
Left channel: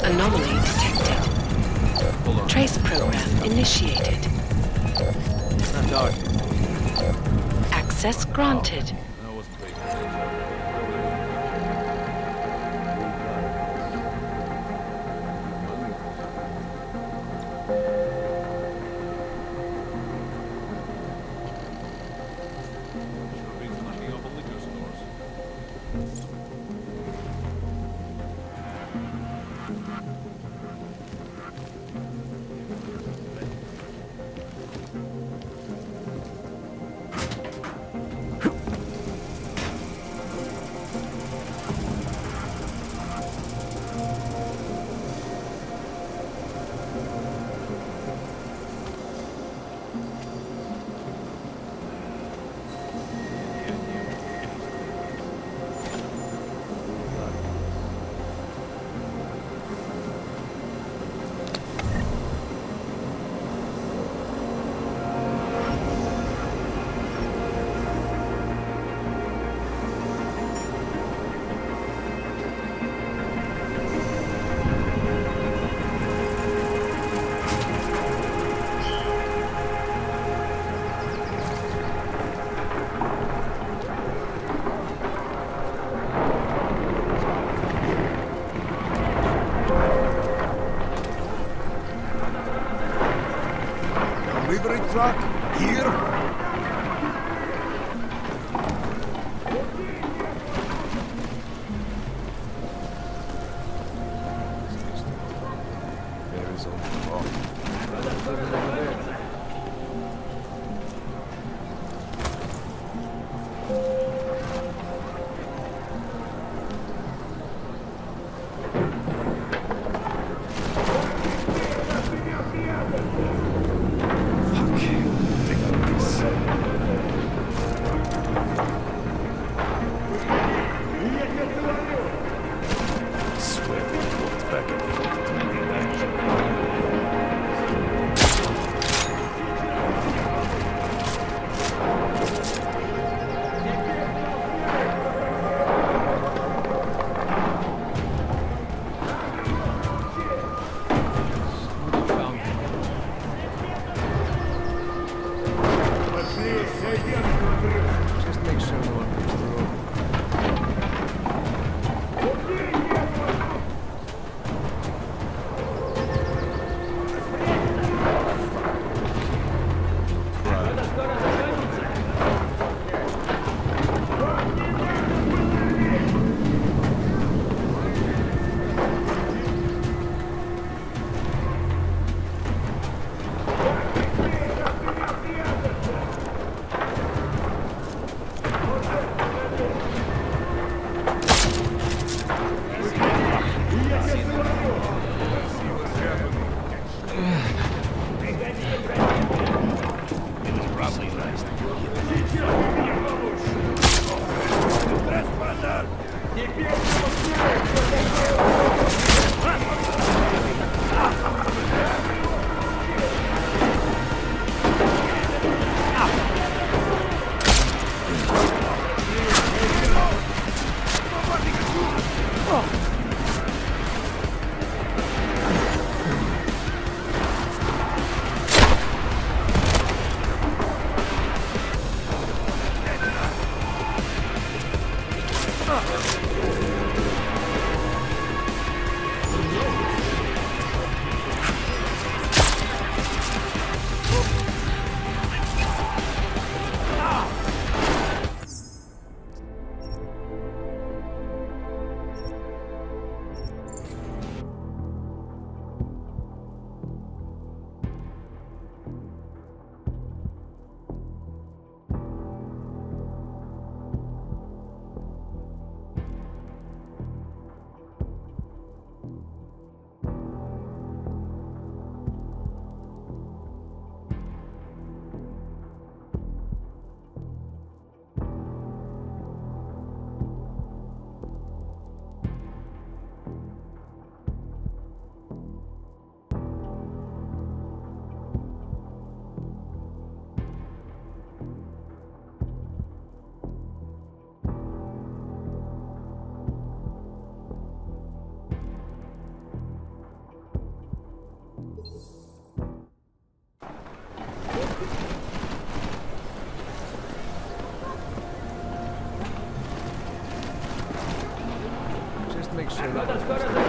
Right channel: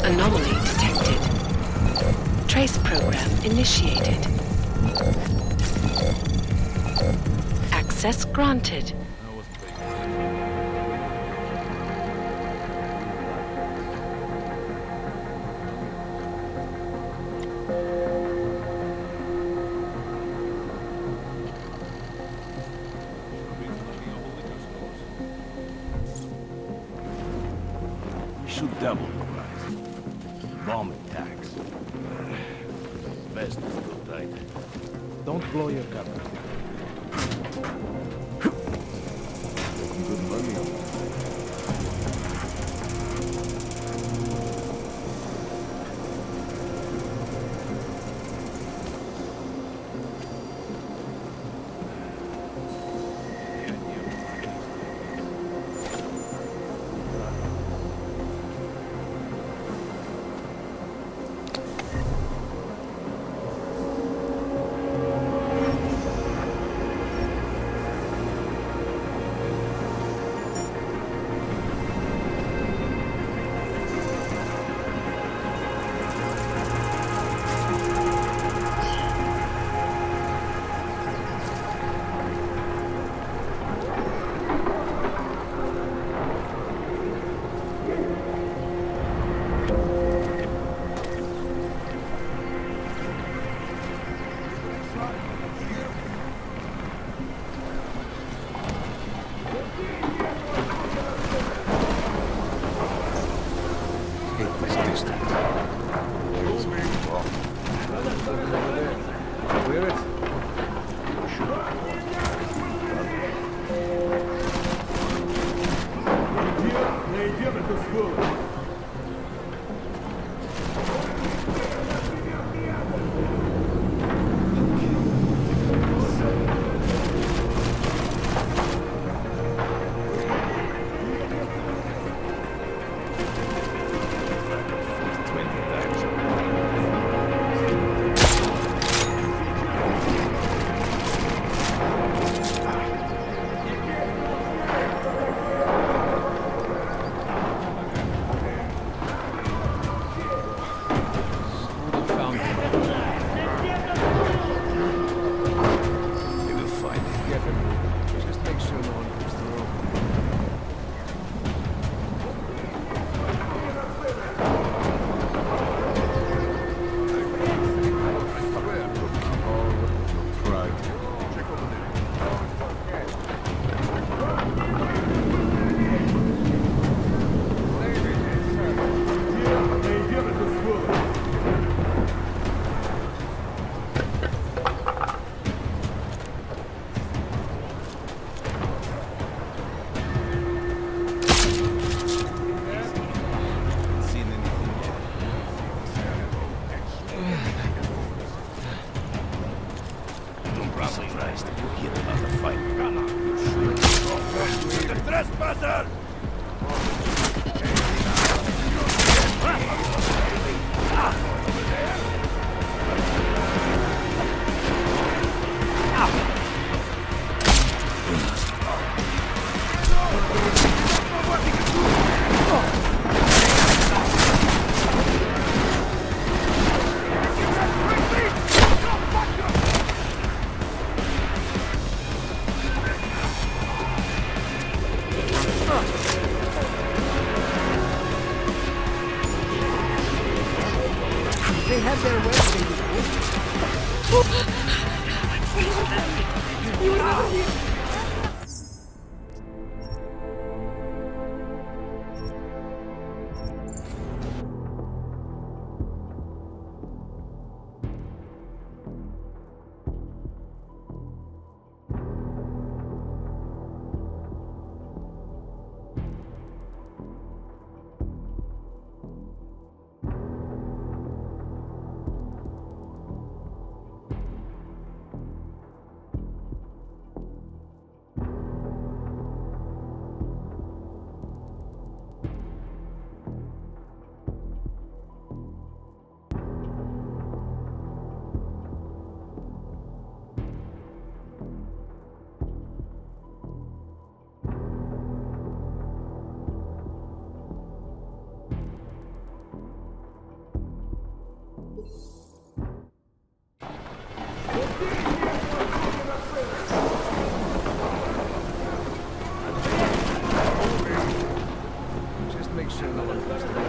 Anomaly detected. Trace program initiated. Access granted. Shoot double. Bomb attacks. Best right. Don't blow your cover. Delivery truck here. Hate this distance. There is only wrong. Brothers living over there. Hear it? Just make sure no one comes through. probably nice to feel hidden on the fight. The trespasser! Over there! Just make sure no one comes to